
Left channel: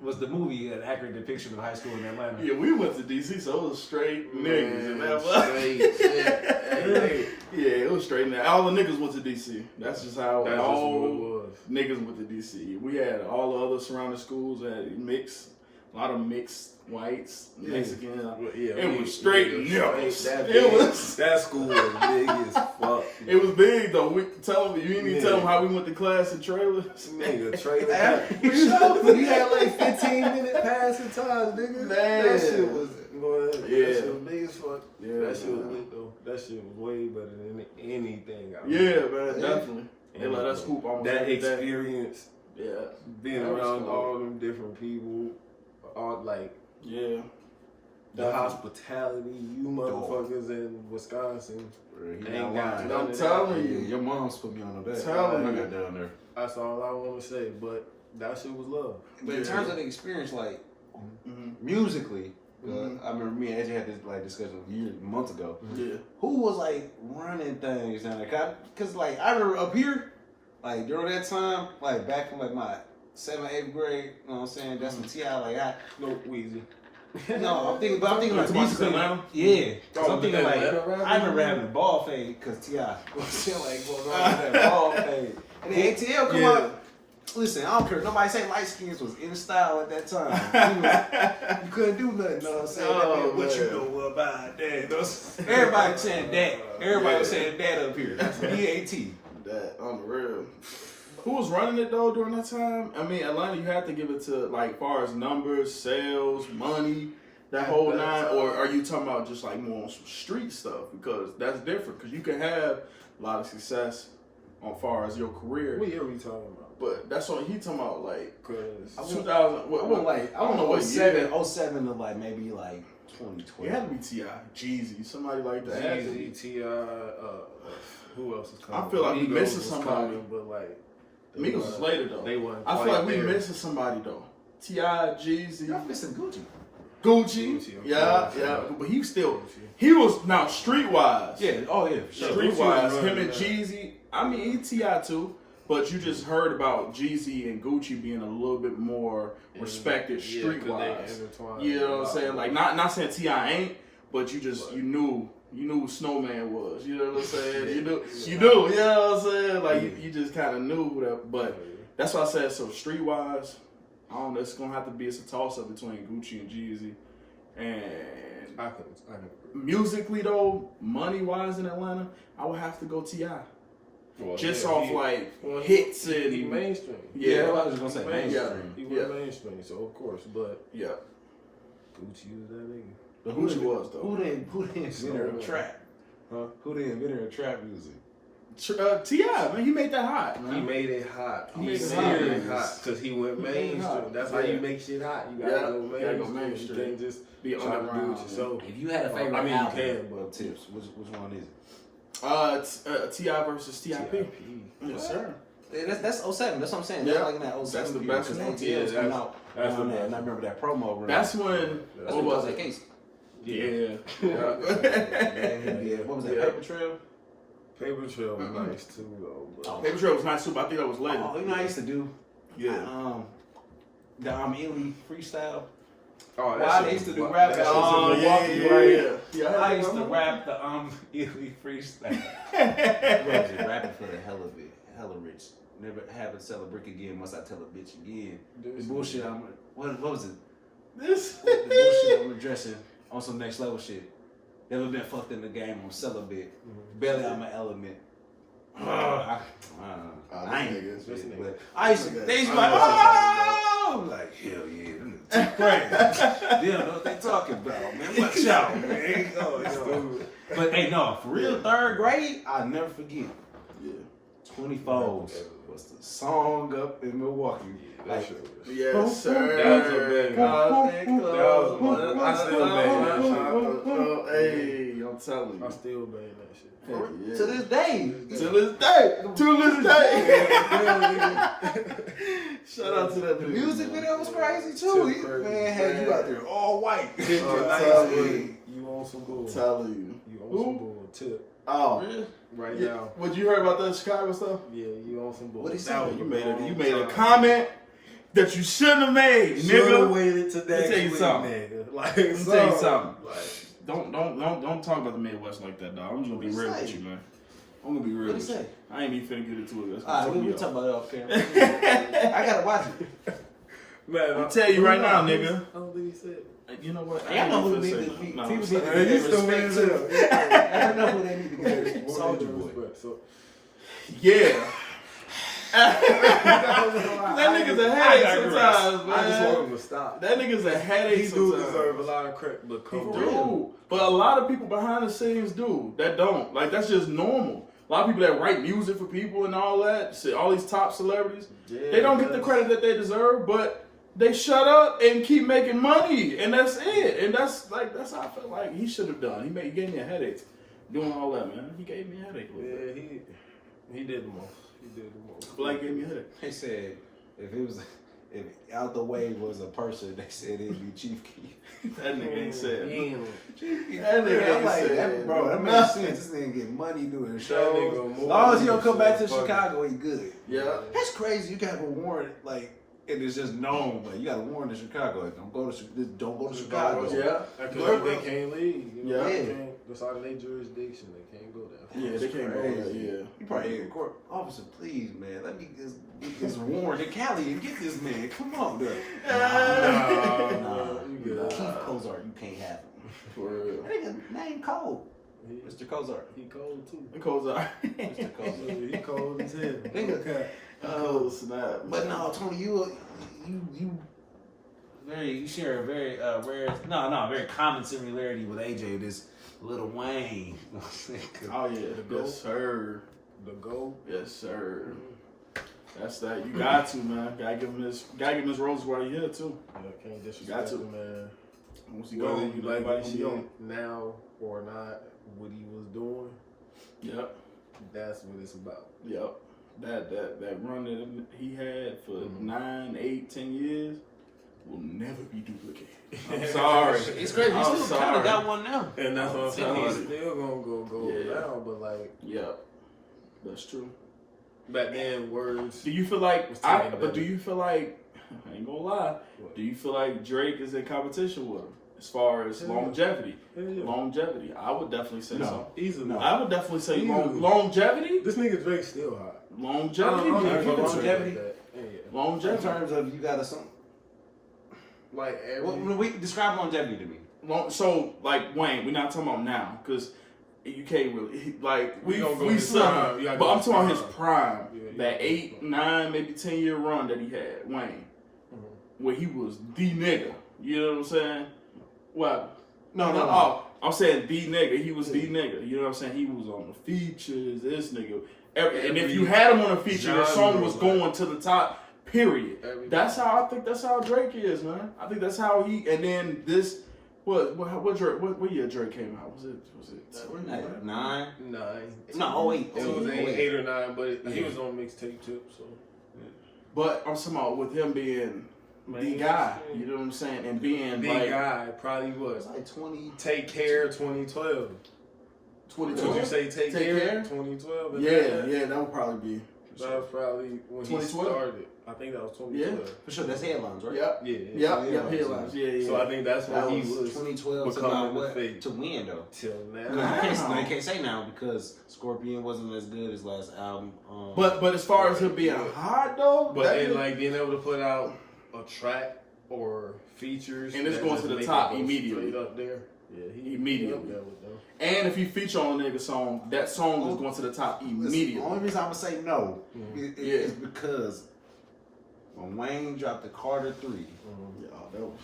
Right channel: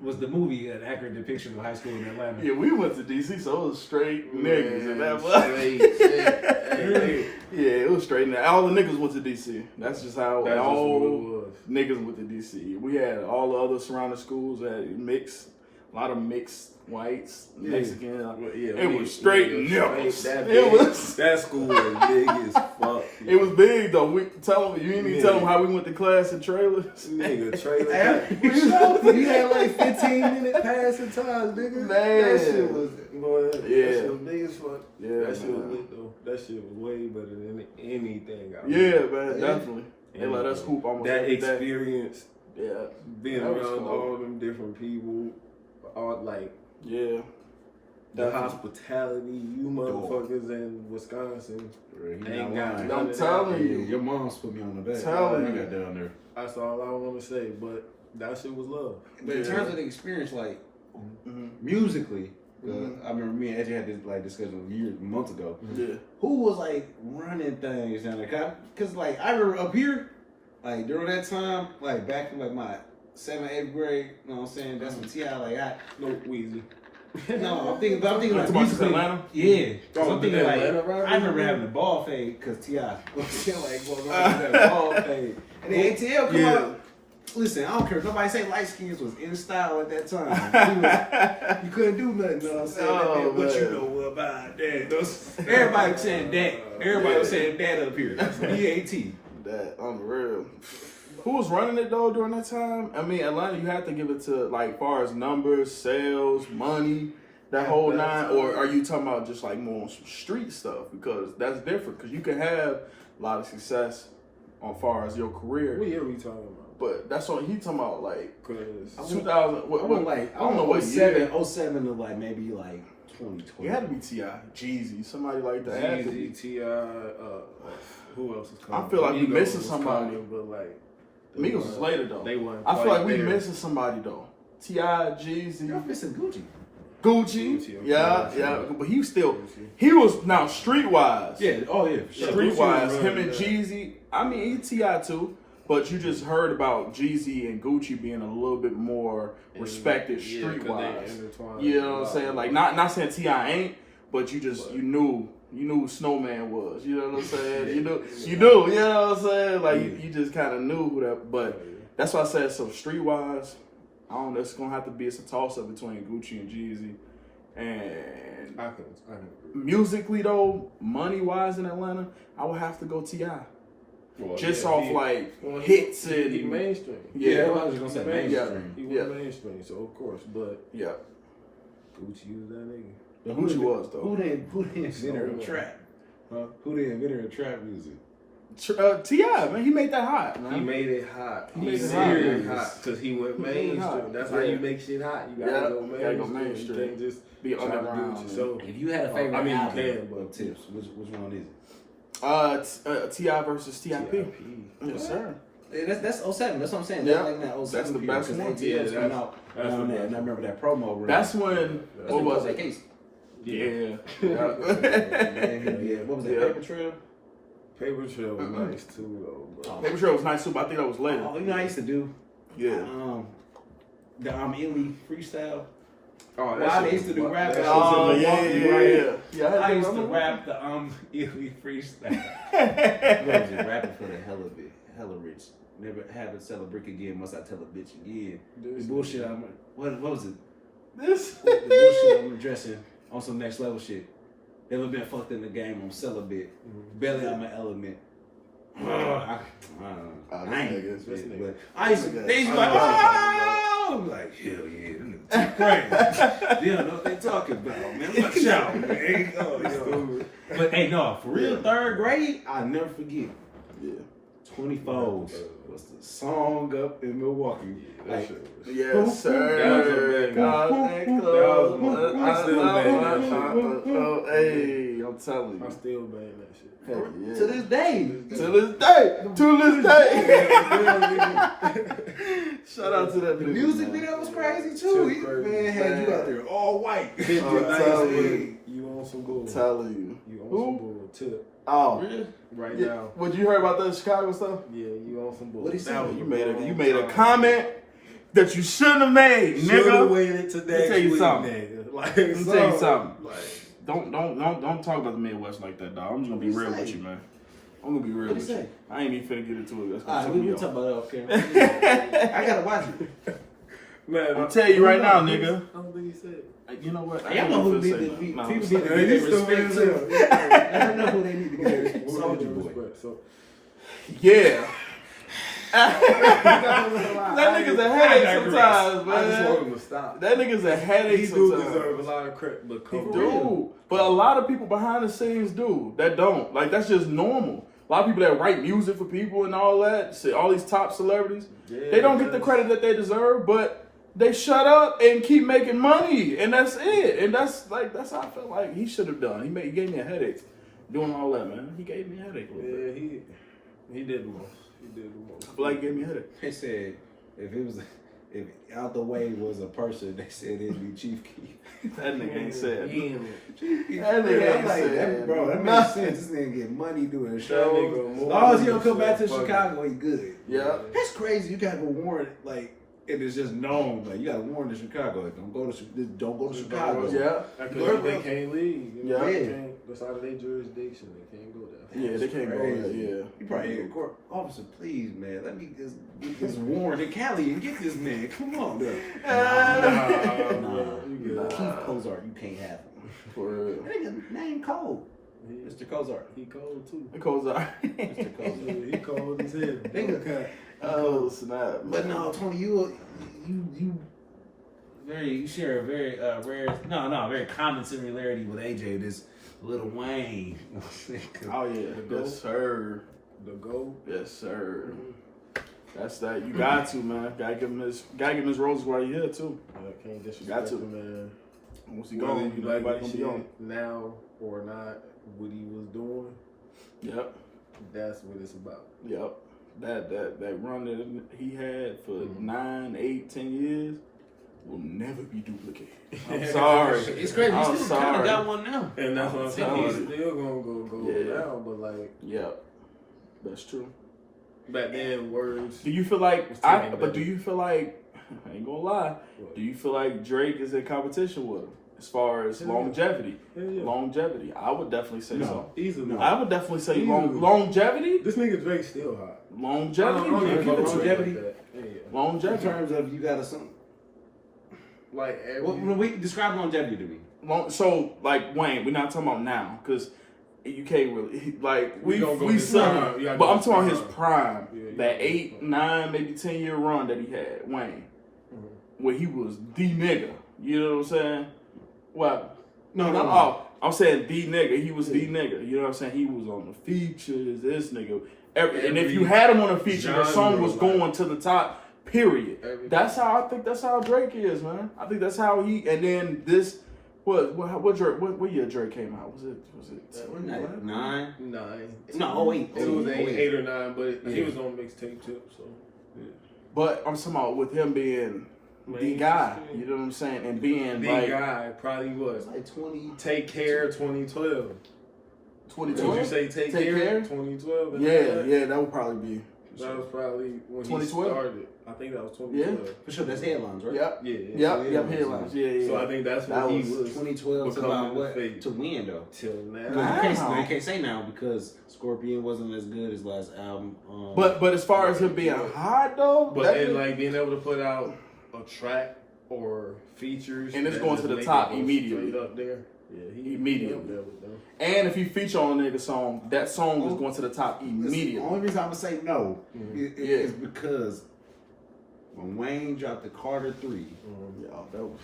Was the movie an accurate depiction of high school in Atlanta? Yeah, we went to DC, so it was straight niggas and that was Straight shit. yeah, it was straight. All the niggas went to DC. That's just how That's all just what it was. niggas went to DC. We had all the other surrounding schools that mixed, a lot of mixed whites, Mexican. It was straight niggas. That school was big as fuck. It was big though. You didn't even tell them how we went to class in trailers. Nigga, trailer. You had like 15-minute passing times, nigga. Man. That shit was, boy, that shit was big as fuck. Yeah, that shit was lit though. That shit was way better than anything I man, definitely. They let us hoop almost that every day. experience. Yeah, being that was around cool. all them different people, all like yeah, the hospitality, you motherfuckers in Wisconsin ain't got none I'm of telling that. you. Your mom's put me on the bed. Telling I you. got down there. That's all I want to say. But that shit was love. But in terms of the experience, like musically, I remember me and AJ had this like discussion months ago. Yeah. Who was like running things down there? Cause like I remember up here, like during that time, like back in like my 7th, 8th grade, you know what I'm saying? That's when T.I. like No Weezy. I'm thinking like About musically, Atlanta? yeah. Oh, So I'm thinking like Atlanta rapper? I remember having a ball fade because T.I. like was on that ball fade, and then ATL come out. Listen, I don't care. Nobody say light skins was in style at that time. You couldn't do nothing. You know what I'm saying? What you know about that? Everybody was saying that. Everybody was saying that up here. BAT. That on the real. Who was running it though during that time? I mean, Atlanta, you have to give it to like far as numbers, sales, money, that whole nine. Or are you talking about just like more on some street stuff? Because that's different. Because you can have a lot of success on far as your career. What year we talking about? But that's what he talking about, like 'Cause 2000. I don't know what 07 to like maybe like 2012. It had to be T.I., Jeezy, somebody like that. Had to be. Jeezy, T.I., who else is coming? I feel like we Migos missing was somebody. coming, but like Migos was later though. They weren't. I feel quite like we there. missing somebody though. T.I., Jeezy, Y'all missing Gucci. Gucci. of Yeah, course, yeah. yeah. But he still, Gucci. he was now streetwise. Yeah. Oh yeah. For sure. Streetwise, Gucci was him and running Jeezy. I mean, he T.I. too. But you just heard about Jeezy and Gucci being a little bit more respected streetwise. You know what I'm saying? Like not saying T.I. ain't, but you knew who Snowman was. You know what I'm saying? You knew. You know what I'm saying? Like you just kind of knew who that. But that's why I said so streetwise. I don't know. It's gonna have to be a toss up between Gucci and Jeezy. And I can agree. musically though, money wise in Atlanta, I would have to go T.I. Well, Just yeah, off he- like well, hits and he mainstream. Yeah. I was gonna say mainstream. He was mainstream, so of course. But yeah. Gucci was that nigga. But Gucci was though. Who the inventor of trap? Huh? Who the inventor of trap music? T.I., man, he made that hot, man. He made it hot. He He made made it it hot. hot because he went He made it mainstream. hot. That's how you make shit hot. You gotta go mainstream. gotta go mainstream. You can't just Be try to do underground. it yourself. If you had a favorite I mean, you album can, but- of Tips, which one is it? T.I. versus T.I.P. Yes, sir. That's 07. That's what I'm saying. Yeah. That's like in that 07 That's the period, best 'cause one. ATL Yeah, was coming that's- out that's on the that, best and I remember that promo. run. That's when. That's What was that it? case. Yeah. Yeah. What was that? Yeah. Paper Trail. Paper Trail was nice too, though. But Paper Trail was nice too, but I think that was later. Oh, you know what I used to do? Yeah. The Illy freestyle. oh, Well, I used to do rap. that I was shit- in Milwaukee, right? Yeah, I used to rap the Illy freestyle. What is it? Rapping for the hell of it, hella rich. Never have it sell a brick again. Must I tell a bitch again? The bullshit. What was it? This. The bullshit I'm addressing on some next level shit. Never been fucked in the game. I'm celibate. Belly on my element. I ain't. But I used to. They used to be like, oh! I'm like, hell yeah, them niggas too crazy. They don't know what they talking about, man. Watch out, man. Yo. But hey, no, for real, third grade, I'll never forget. Yeah. 24s was the song up in Milwaukee. That Like, shit was. Yes, sir. That was a banger. I I still bang that shit. Hey, I'm I'm telling you. I still bang that shit. Heck yeah. To this day. To this day. Shout out to that The nigga, music man. video was crazy too. Shit crazy. Man had you out there all white. Hit I'm your nice telling with you. it. You on some bull. Telling you. You on Who? some bull. Tip. Oh. Really? Right Yeah. now. What you heard about that Chicago stuff? Yeah, you on some bull. What'd he say? That was You a made long a time. comment that you shouldn't have made, Should've nigga. waited to Let me next tell you week, something. nigga. Like, Let me tell you something. Like, Don't talk about the Midwest like that, dog. I'm just gonna be real with you, man. I'm gonna be real What'd with he you. say? I ain't even finna get into it. That's Alright, gonna we take me talk off. about that off camera. I gotta watch it. man, I'm telling you right now, nigga. I don't think he said it. You know what? Y'all know who they need to be. no, People no, need to no. get you their still respect man too. I know who they need to get their respect. What Soldier was your Boy. respect? So, Yeah. that That nigga's a headache sometimes, I just want man. him to stop. That nigga's a headache He do sometimes. deserve a lot of credit, but come He on. do. But a lot of people behind the scenes do. That don't. Like, that's just normal. A lot of people that write music for people and all that, all these top celebrities, Yeah, they don't get the credit that they deserve, but they shut up and keep making money, and that's it. And that's how I felt like he should have done. He gave me a headache doing all that, man. He gave me a headache a little bit. Yeah, he did the most. He did the most. I feel like he gave me a headache. They said if out the way was a person, they said it'd be Chief Keef. That nigga ain't said. He ain't- That nigga I'm ain't like, said. bro, that makes sense. This nigga get money doing That shows. nigga As long as he don't more come back to fuck it. Chicago, he good. Yeah. That's crazy. You got a warrant, like, and it's just known. Like, you got a warrant in Chicago. Like, don't go to Chicago. Yeah. Because they can't leave. You know, Yeah. they can't, that's out of their jurisdiction. They can't go there. Yeah, they can't go there. Crazy. Yeah. You probably in court. Officer, please, man, let me just get this warrant in Cali and get this man. Come on, bro. Nah, Nah, you good. Keith Cozart, you can't have him. For real. That nigga name cold. Mr. Cozart. He cold too. It goes out. Mr. Cozart. He cold as hell. Nigga. Oh, snap. But no, Tony, you share a very very common similarity with AJ. This Lil Wayne. Oh, yeah. Yes, sir. The GOAT. Yes, sir. That's that. You got to, man. Gotta give him his roses while you're here, too. Yeah, can't Got disrespect to. him, man. Once he Whether gone, you like nobody this gonna be on. shit now or not, what he was doing, Yep. that's what it's about. Yep. That run that he had for 9, 8, 10 years will never be duplicated. I'm sorry. It's crazy. You I'm still kind sorry. of got one now. And that's what I'm saying. He's sorry. still gonna go Yeah. down, but like Yep. That's true. back then, words. Do you feel like Was taken better. do you feel like I ain't gonna lie? What? Do you feel like Drake is in competition with him as far as Hell yeah. longevity? Hell yeah. Longevity. I would definitely say No. so. Easily. No. I would definitely say Easily. longevity. This nigga Drake still hot. Longevity. I don't Yeah, even fuck with Drake longevity. like that. Yeah. In longevity. terms of you got a something. Like every. Well, we describe longevity to me. So like Wayne, we're not talking about now because you can't really like We gonna go we his slung prime. him. You gotta But go I'm his talking his prime. prime. Yeah, you That gotta go his 8, 9, maybe 10-year run that he had, Wayne, Mhm. where he was the nigga. You know what I'm saying? What? No. Oh, I'm saying the nigga. He was the nigga. You know what I'm saying? He was on the features. This nigga. And if you had him on a feature, the song was genre, going to the top. Period. Every- That's how I think. That's how Drake is, man. I think that's how he. And then this. What Drake? What year Drake came out? Was it? 9. 9. No, 08. It was 08. 8 or 9, but he Yeah. was on mixtape tip, so. But I'm talking about with him being the guy. You know what I'm saying? And being The like guy probably It's was like 20. Take Care 2012. 22. Would you say Take Care 2012? Yeah, that would probably be. That was probably when he 2012? started. I think that was 2012. For sure, that's headlines, right? Yep. Yeah. Yep. Headlines. Yeah. So I think that's when That he was was 2012 to becoming about the what? face. To win, though. till No, now. you can't say now because Scorpion wasn't as good as last album. But as far as him being hot though, But that then nigga- like being able to put out a track or features And it's that going just to the make top it go immediately. straight up there. Yeah, he Immediately. up there with them. and if he feature on a nigga song, that song is going to the top The immediately. only reason I'm gonna say no Yeah. is because when Wayne dropped the Carter 3, Yo, that was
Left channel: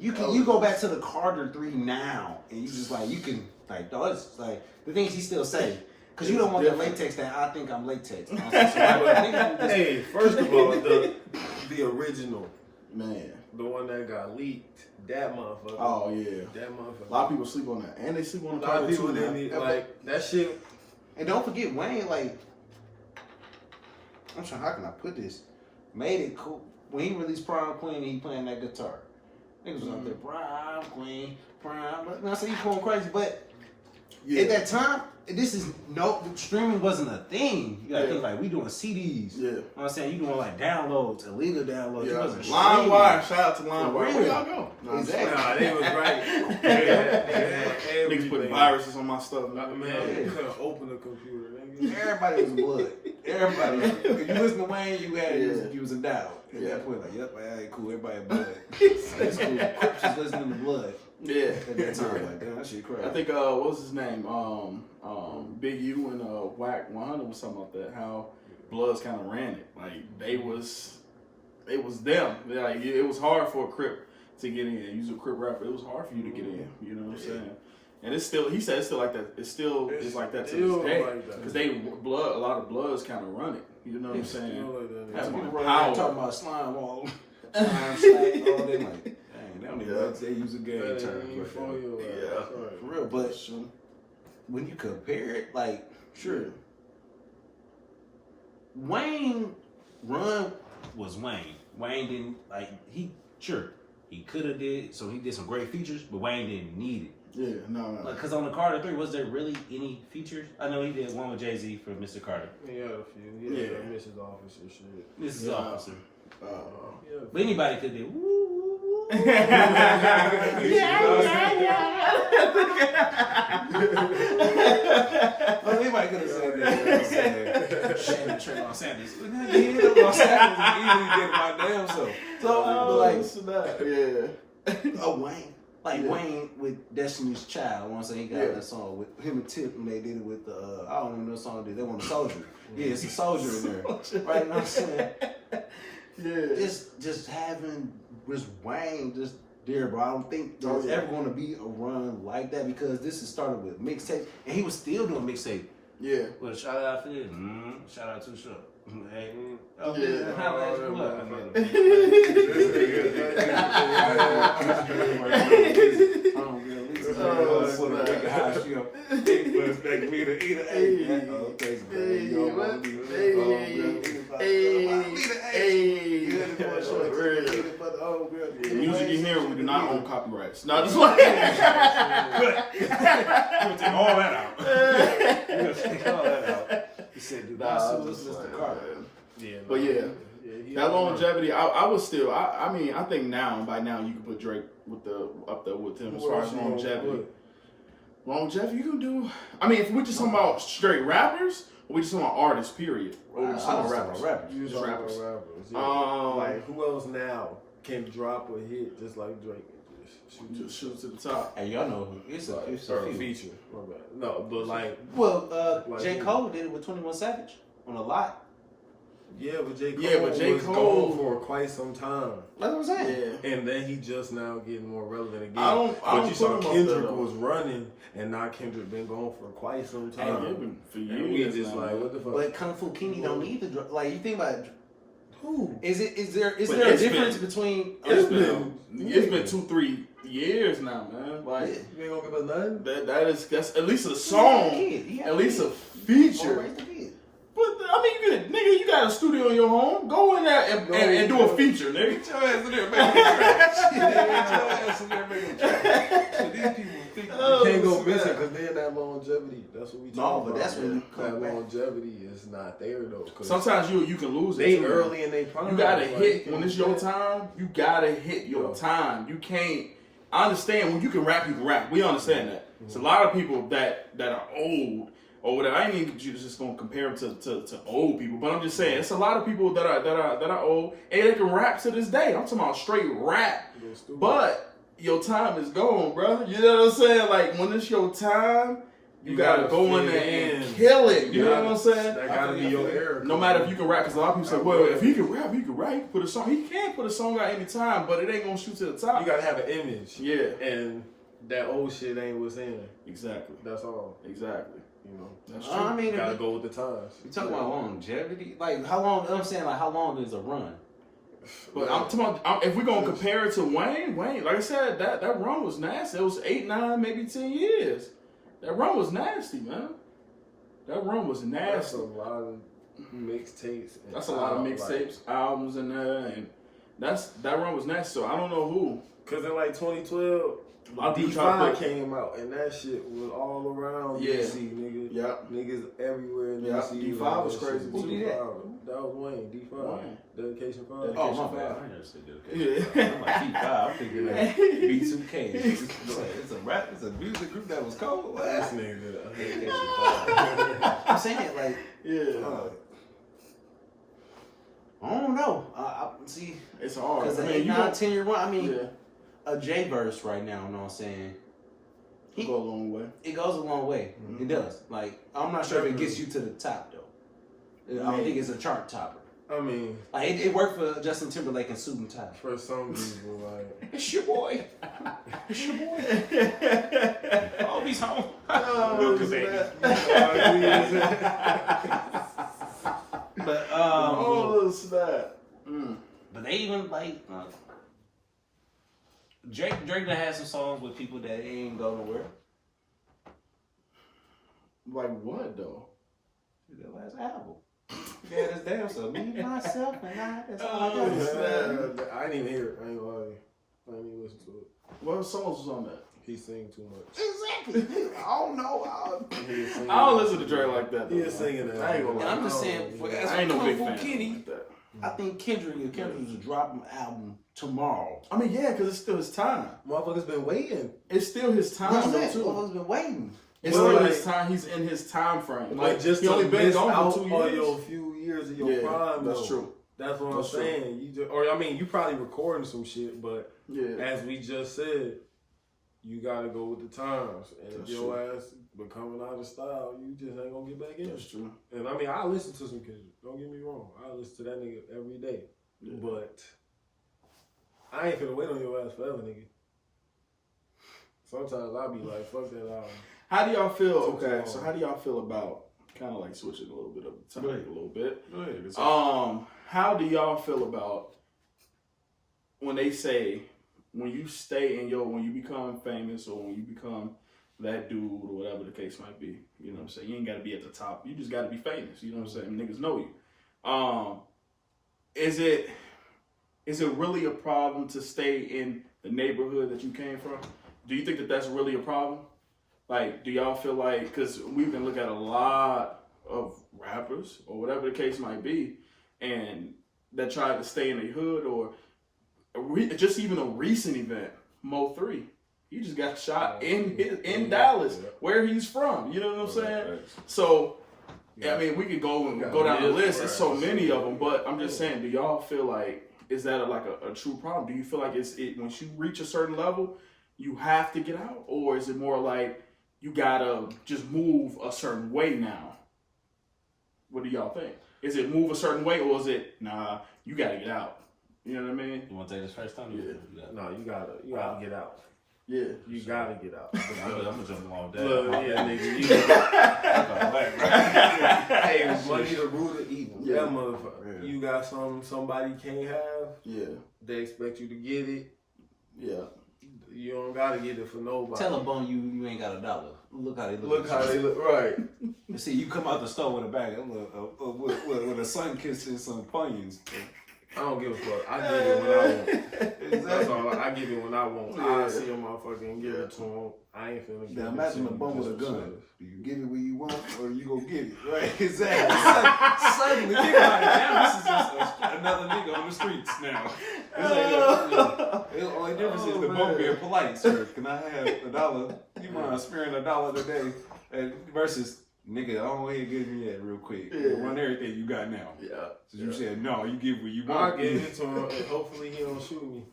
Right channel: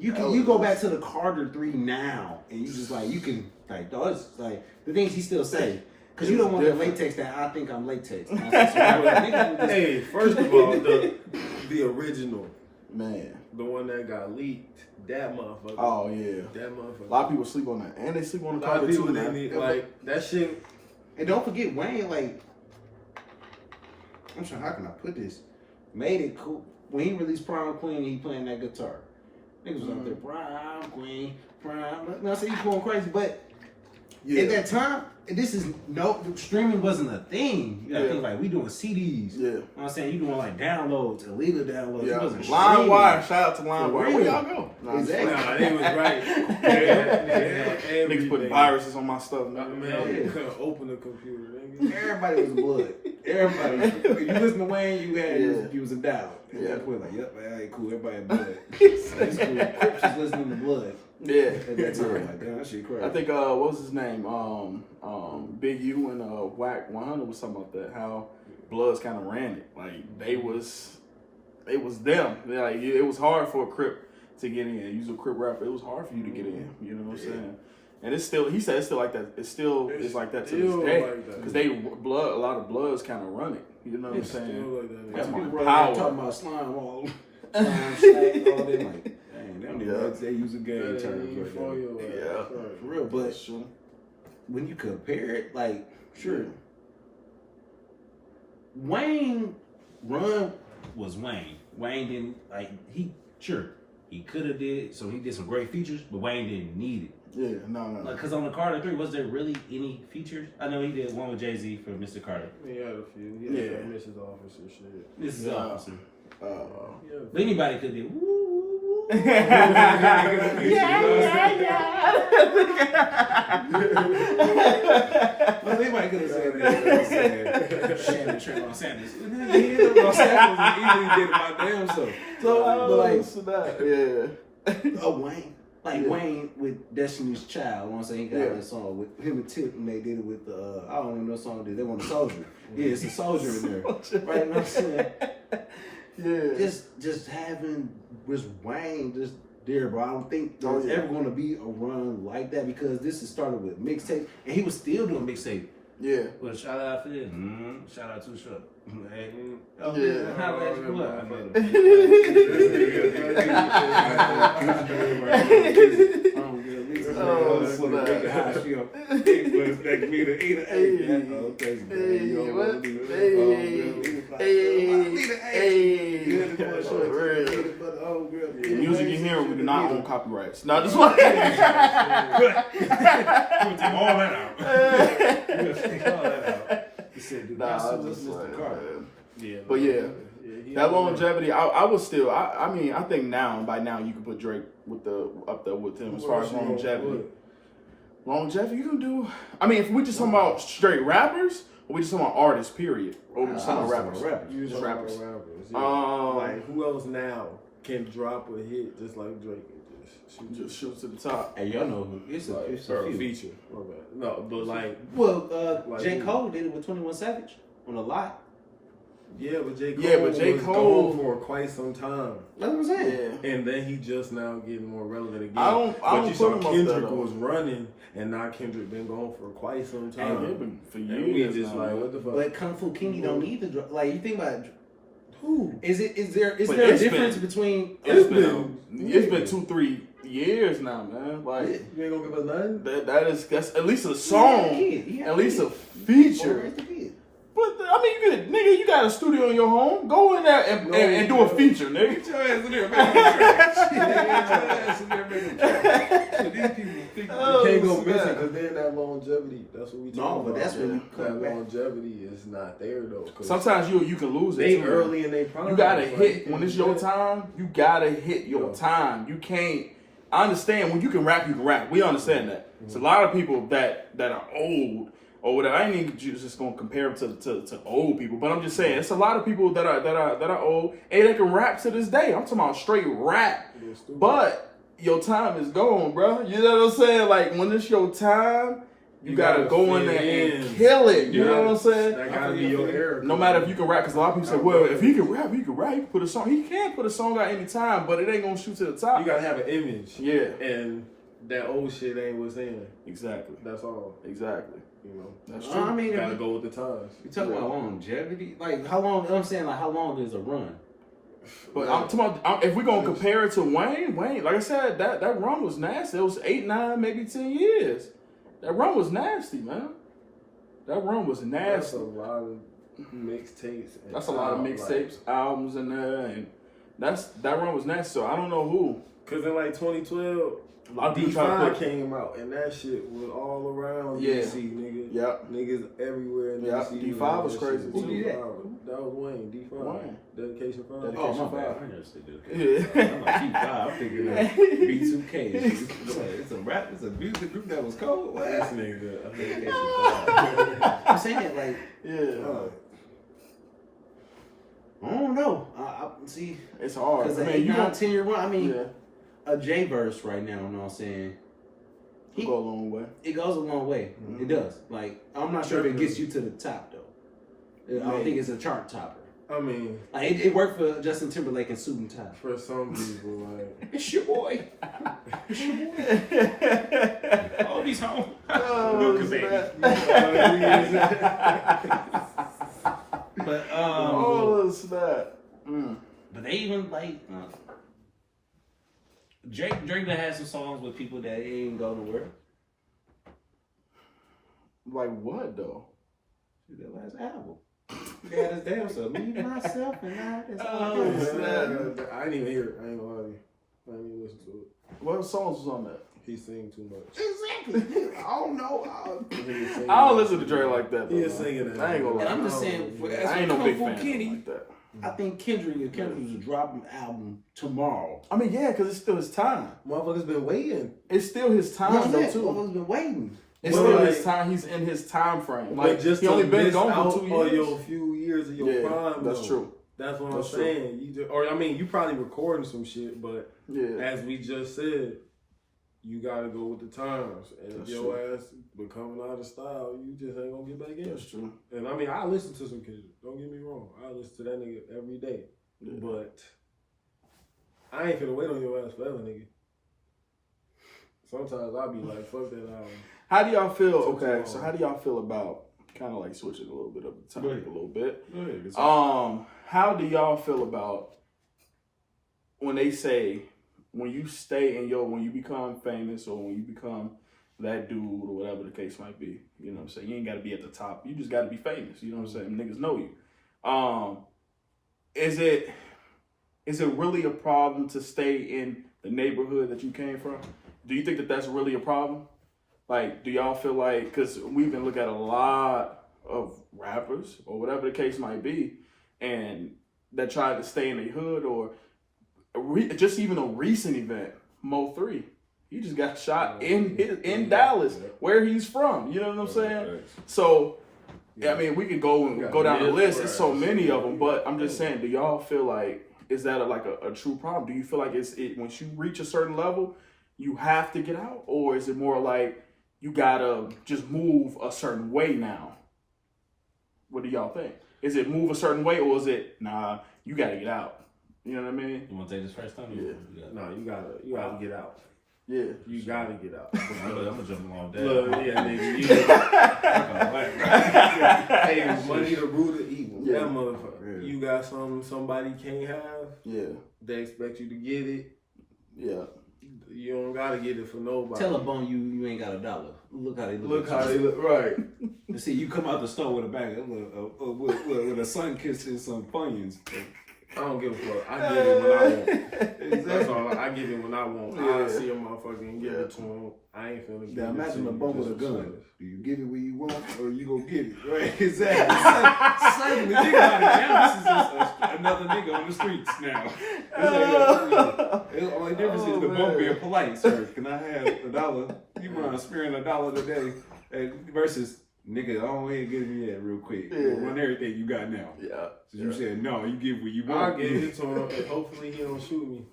you go back to the Carter 3 now, and you just like you can like those like the things he still say. Cause you don't want that latex that I think I'm latex. Hey, first of all, the original, man. the one that got leaked, that motherfucker. Oh yeah. That motherfucker. A lot of people sleep on that, and they sleep on A the lot of cover people too. they Man. need like that shit. And don't forget Wayne. Like, I'm trying. How can I put this? Made it cool when he released Prime Queen. He playing that guitar. Niggas was out there Prime Queen, Prime. I say he going crazy, but at that time, this is streaming wasn't a thing. You gotta think like we doing CDs. Yeah, you know what I'm saying, you doing like downloads, illegal downloads. Yeah, It wasn't LimeWire. Shout out to LimeWire. Where y'all go? Exactly. Nah, they was right. Niggas putting viruses on my stuff. Man, you couldn't open the computer. Nigga. Everybody was blood. Everybody. If you listen to Wayne, you was a doubt. At that point, like, yep, alright, cool. Everybody blood. It's cool. Crips was listening to blood. Yeah, at that time, like, damn, that shit crazy. I think what was his name? Big U and Whack 100 was something like that. How Bloods kind of ran it. Like they was them. Like it was hard for a Crip to get in. Use a Crip rapper. It was hard for you to get in. You know what I'm saying? And it's still. He said it's still like that. It's like that to this day. Because a lot of Bloods kind of run it. You know what I'm saying? Like that's my power. Talking about slime wall, slime stack, all that. Like, dang, they use a game term for real. But when you compare it, like, sure, Wayne run was Wayne. Wayne didn't he could have did, so he did some great features, but Wayne didn't need it. Yeah, no. Because on the Carter 3, was there really any features? I know he did one with Jay-Z for Mr. Carter. He had a few. He had that Mrs. Officer shit. Mrs. Officer. But anybody could do. Woo. Well, anybody could have said that. Shannon, Trayvon Sanders. He did it by damn self. Wayne. Wayne with Destiny's Child. I want to say he got that song with him and Tip, and they did it with I don't even know what song they did. They want a soldier. Yeah, it's a soldier in there. Right? You know what I'm saying? Yeah. Just having with Wayne just there, bro. I don't think there's ever going to be a run like that because this is started with mixtape, and he was still doing mixtape. Yeah. Well, shout out to him. Shout out to the show. Hey. How music you hear, we do not own copyrights. No, just like we'll take all that out. He said, "Do not sue Mr. Carter." Yeah, but that longevity, I would still. I mean, I think by now you can put Drake up there with him as far as longevity. Longevity, you can do. I mean, if we just talking about straight rappers, or we just talking about artists, period, or we just talking about rappers. Just rappers. Like who else now can drop a hit just like Drake? Just shoot to the top. Hey, y'all know who it's a feature. No, but like J. Cole did it with 21 Savage on a lot. Yeah, but J. Cole was gone for quite some time. Like I'm saying. Yeah. And then he just now getting more relevant again. But you saw Kendrick was running, and now Kendrick been gone for quite some time. Been for years. And we just like, what the fuck? But Kung Fu King don't need the like. You think about who? Is there a difference between? It's been 2-3 years now, man. Like you ain't gonna give us nothing. That's at least a song, at least a feature. But I mean, you got a studio in your home. Go in there and do a feature, nigga. Get your ass in there, man. These people think you can't go missing because they're in that longevity. That's what we talking about. No, but that's when you that longevity is not there though. Sometimes you can lose it. They early in their prime. You gotta hit when it's your time. You gotta hit your time. You can't. I understand when you can rap, you can rap. We understand that. It's a lot of people that are old or whatever. I ain't even just gonna compare them to old people, but I'm just saying it's a lot of people that are old and they can rap to this day. I'm talking about straight rap, but your time is gone, bro. You know what I'm saying? Like when it's your time, you gotta go in there and kill it. You know what I'm saying? That gotta be your era. No matter if you can rap, because a lot of people say, well, if he can rap, he can rap. He can put a song. He can put a song out any time, but it ain't gonna shoot to the top. You gotta have an image. Yeah. And that old shit ain't what's in. Exactly. That's all. Exactly. You know. That's true. I mean, gotta go with the times. You talking about longevity? Like how long? I'm saying like how long is a run? But I'm talking about, if we're gonna compare it to Wayne, like I said, that run was nasty. It was 8, 9, maybe 10 years. That run was nasty, man. That run was nasty. That's a lot of mixtapes. That's a lot of mixtapes, albums in there, and that run was nasty. So I don't know who. Cause in like 2012, D5 came out, and that shit was all around DC, nigga. Yep. Niggas everywhere in DC. D5 was crazy. Who did that? That was Wayne. D5. Wayne. Dedication 5. Oh, my bad. I never said Dedication. I'm like D5. I'm thinking like B2K. It's a rap. It's a music group that was cold. What? This nigga. Dedication 5. I'm saying like, I don't know. I see. It's hard. Because the 8, 9, 10 year run. I mean, a J verse right now. You know what I'm saying? It goes a long way. It goes a long way. Mm-hmm. It does. Like, I'm not sure if it gets you to the top though. I don't think it's a chart topper. I mean, like it worked for Justin Timberlake and Suit and Tie. For some people, like it's your boy. It's your boy. Oh, he's home. But snap. But they even like Drake done had some songs with people that ain't go nowhere. Like what though? That last album. Yeah, this damn so me, myself, and I. That's all I got. I didn't even hear it. I ain't gonna lie to you. I didn't even listen to it. What songs was on that? He sing too much. Exactly. I don't know. I don't listen to Drake like that. He is singing that. I ain't gonna lie. I'm just saying. I ain't no big fan Kenny, like that. I think Kendrick was dropping an album tomorrow. I mean, yeah, because it's still his time. Motherfuckers been waiting. It's still his time though too. Motherfuckers been waiting. It's still his time. He's in his time frame. Like just he only been gone out for 2 years. Your few years of your prime. That's though. true. That's what I'm saying. You just, or I mean, you probably recording some shit, but as we just said, you gotta go with the times. And if your ass becoming out of style, you just ain't gonna get back in. That's true. And I mean, I listen to some Kendrick. Don't get me wrong. I listen to that nigga every day. Yeah. But I ain't finna wait on your ass forever, nigga. Sometimes I'll be like, fuck that album. How do y'all feel? Okay, so how do y'all feel about kind of like switching a little bit of the topic a little bit? Go ahead. How do y'all feel about when they say when you stay in when you become famous or when you become that dude or whatever the case might be? You know what I'm saying? You ain't got to be at the top. You just got to be famous. You know what I'm saying? Niggas know you. Is it really a problem to stay in the neighborhood that you came from? Do you think that that's really a problem? Like, do y'all feel like, because we can look at a lot of rappers or whatever the case might be, and that tried to stay in the hood or just even a recent event, Mo3. He just got shot in Dallas, where he's from. You know what I'm saying? So, I mean, we could go down the list. There's so many of them, but I'm just saying, do y'all feel like, is that a true problem? Do you feel like once you reach a certain level, you have to get out? Or is it more like you gotta just move a certain way now? What do y'all think? Is it move a certain way, or is it, nah, you gotta get out? You know what I mean? You want to take this first time? Yeah. No, you gotta get out. Yeah. You gotta get out. I'm gonna jump along that. Look, nigga. Hey, money the root of evil. Yeah. That motherfucker. Yeah. You got something somebody can't have. Yeah. They expect you to get it. Yeah. You don't gotta get it for nobody. Tell a bone you ain't got $1. Look how they look. Look how they look. Right. You see, you come out the store with a bag with a sun kiss and some Funyuns. I don't give a fuck. I get it when I want. That's all. I get it when I want. Yeah. I see a motherfucker and give it to him. I ain't finna get it. Now imagine a bum with a gun. Do you give it when you want, or you go get it? Right? Exactly. Suddenly, think about it. Now this is just another nigga on the streets now. The only difference is the bum being polite. Sir, can I have $1? You mind sparing $1 today? Versus, nigga, I don't ain't give me that real quick. Run everything you got now. Yeah. So you said no, you give what you want. I'll give it to him, and hopefully he don't shoot me.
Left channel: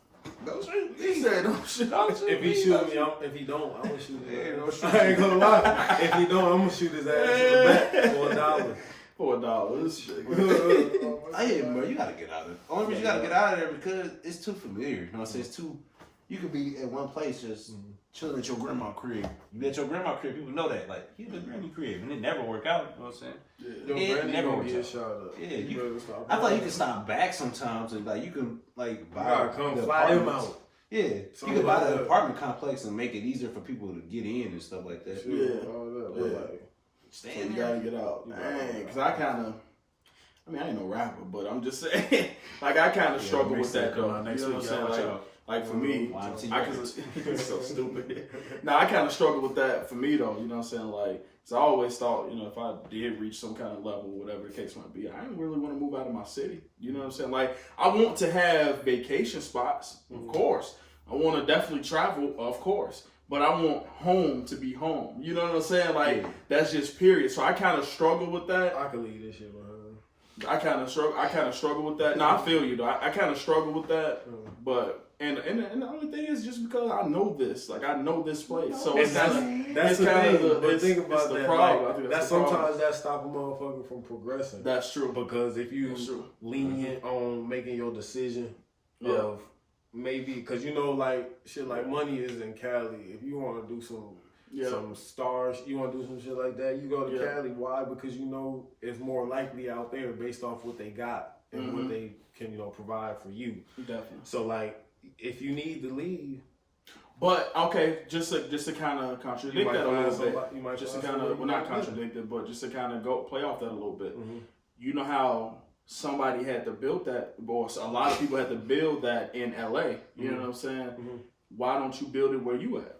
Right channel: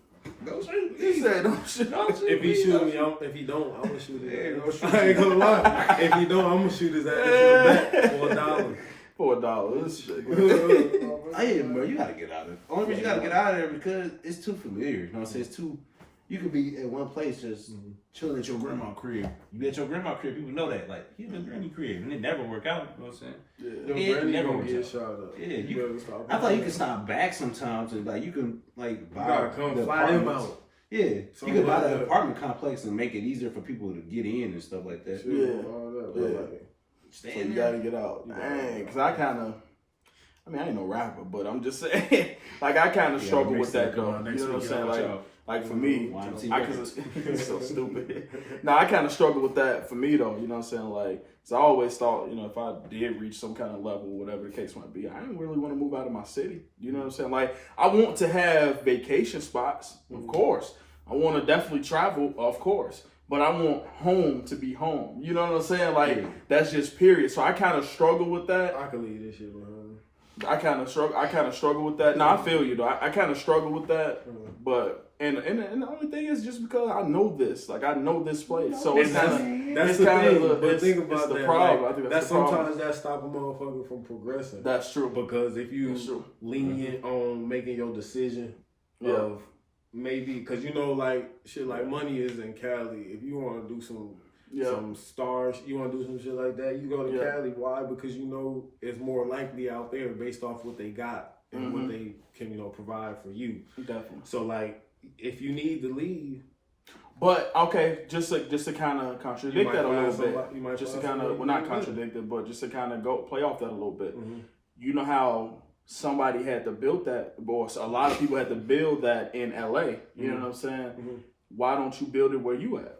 Don't shoot me. He said don't shoot. If he shoot me, if he don't, I'm gonna shoot his ass. I ain't gonna lie. If he don't, I'm gonna shoot his ass in the back for $1. For $1. Hey, bro, you gotta get out of it. Only reason you gotta get out of there because it's too familiar. You know what I'm saying? It's too You could be at one place just chilling at your grandma's crib. You at your grandma's crib, people know that. Like, you in granny crib, and it never work out. You know what I'm saying? Your granny never gonna works get out. shot up. Yeah, you better stop. I thought you could stop back sometimes, and like you can like buy You gotta come the fly them apartments. out. Yeah, you Something can buy like the that. apartment complex and make it easier for people to get in and stuff like that. Shit, all that. But like, So you gotta get out. Dang, because I ain't no rapper, but I'm just saying, like, I kind of struggle with that, though. You know what I'm saying? Like for me, it's so stupid. Now, I kind of struggle with that for me, though. You know what I'm saying? Like, so I always thought, you know, if I did reach some kind of level, whatever the case might be, I didn't really want to move out of my city. You know what I'm saying? Like, I want to have vacation spots, of course. I want to definitely travel, of course. But I want home to be home. You know what I'm saying? Like, that's just period. So I kind of struggle with that. I can leave this shit behind. I kind of struggle with that. No, I feel you though. I kind of struggle with that. But and the only thing is just because I know this, like I know this place, so it's that's the the thing. thing. But think about the that. problem. Like, I think that's the problem. sometimes that stop a motherfucker from progressing. That's true. Because if you lenient on making your decision of maybe, because you know, like shit, like money is in Cali. If you want to do some stars, you want to do some shit like that, you go to Cali. Why? Because you know it's more likely out there based off what they got and what they can, you know, provide for you. Definitely. So like, if you need to leave, but okay, just to kind of contradict that a little bit. You might just to kind of, well, not contradict it, but just to kind of go play off that a little bit. You know how somebody had to build that, or a lot of people had to build that in LA. You know what I'm saying? Why don't you build it where you at?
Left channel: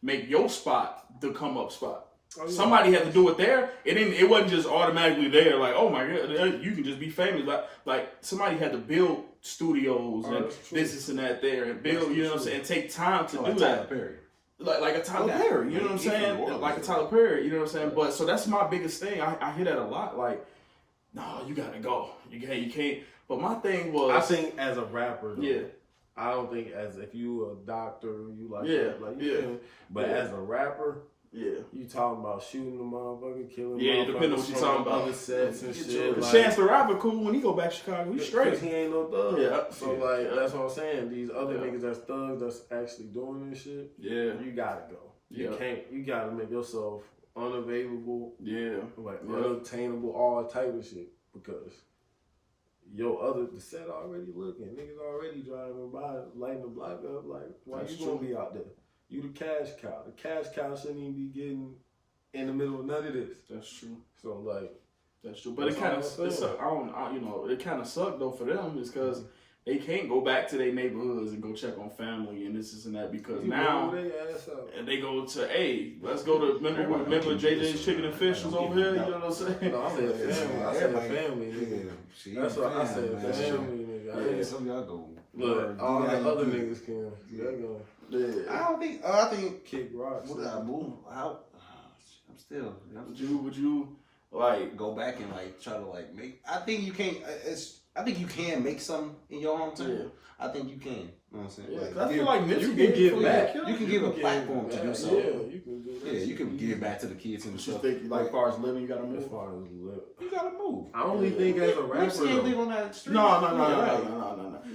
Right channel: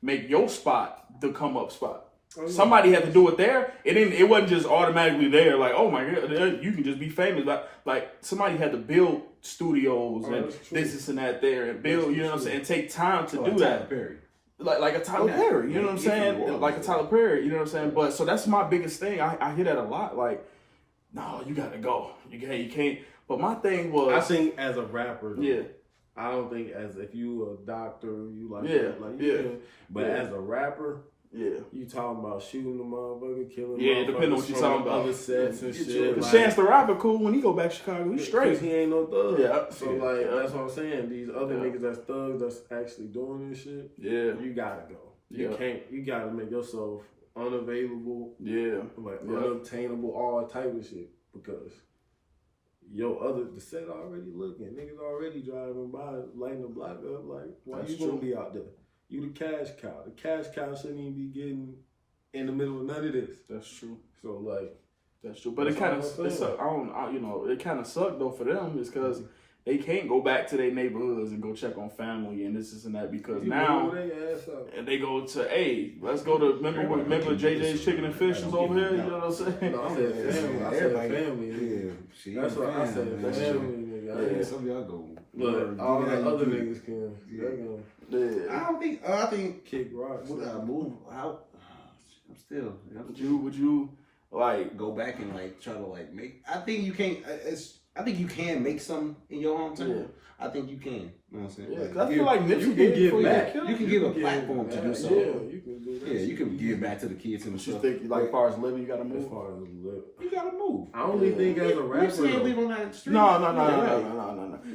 Make your spot the come up spot. Somebody had to do it there. It wasn't just automatically there. Like, oh my god, you can just be famous. Like somebody had to build studios and this and that there and build. You know what I'm saying? And take time to do that. Like a Tyler Perry. You know what I'm saying? Like a Tyler Perry. You know what I'm saying? But so that's my biggest thing. I hear that a lot. Like, no, you gotta go. You can't. But my thing was, I think as a rapper, though, I don't think as if you a doctor, you like but as a rapper, you talking about shooting the motherfucker, killing motherfuckers, depending on what you talking about. Other sets and shit. Like, Chance the Rapper cool when he go back to Chicago, he's straight. Because he ain't no thug. So like that's what I'm saying. These other niggas that's thugs that's actually doing this shit. You gotta go. You can't. You gotta make yourself unavailable. Like unobtainable, all type of shit because. The set already looking. Niggas already driving by, lighting the block up. Like, why you gonna be out there? You the cash cow. The cash cow shouldn't even be getting in the middle of none of this. That's true. So like, that's true. But it kind of, it kind of sucked though for them is because they can't go back to their neighborhoods and go check on family and this and that because now and they go to let's go to remember JJ's Chicken and Fish was over here. You know what I'm saying? No, I said family. I said family. That's what I said. Family, nigga. Some of y'all go. Look, all the other niggas can. I think kick rocks. Move out. I'm still. Would you like go back and like try to like make? I think you can't. I think you can make something in your hometown. I think you can. You know what I'm saying? Yeah, I feel like you can give back. You can give a platform to do something. Yeah, you can do that. Yeah, you can give back to the kids and stuff. Think like as far as living, you gotta move. As far as live, you gotta move. I only think as a rapper. You can't live on that street. No. I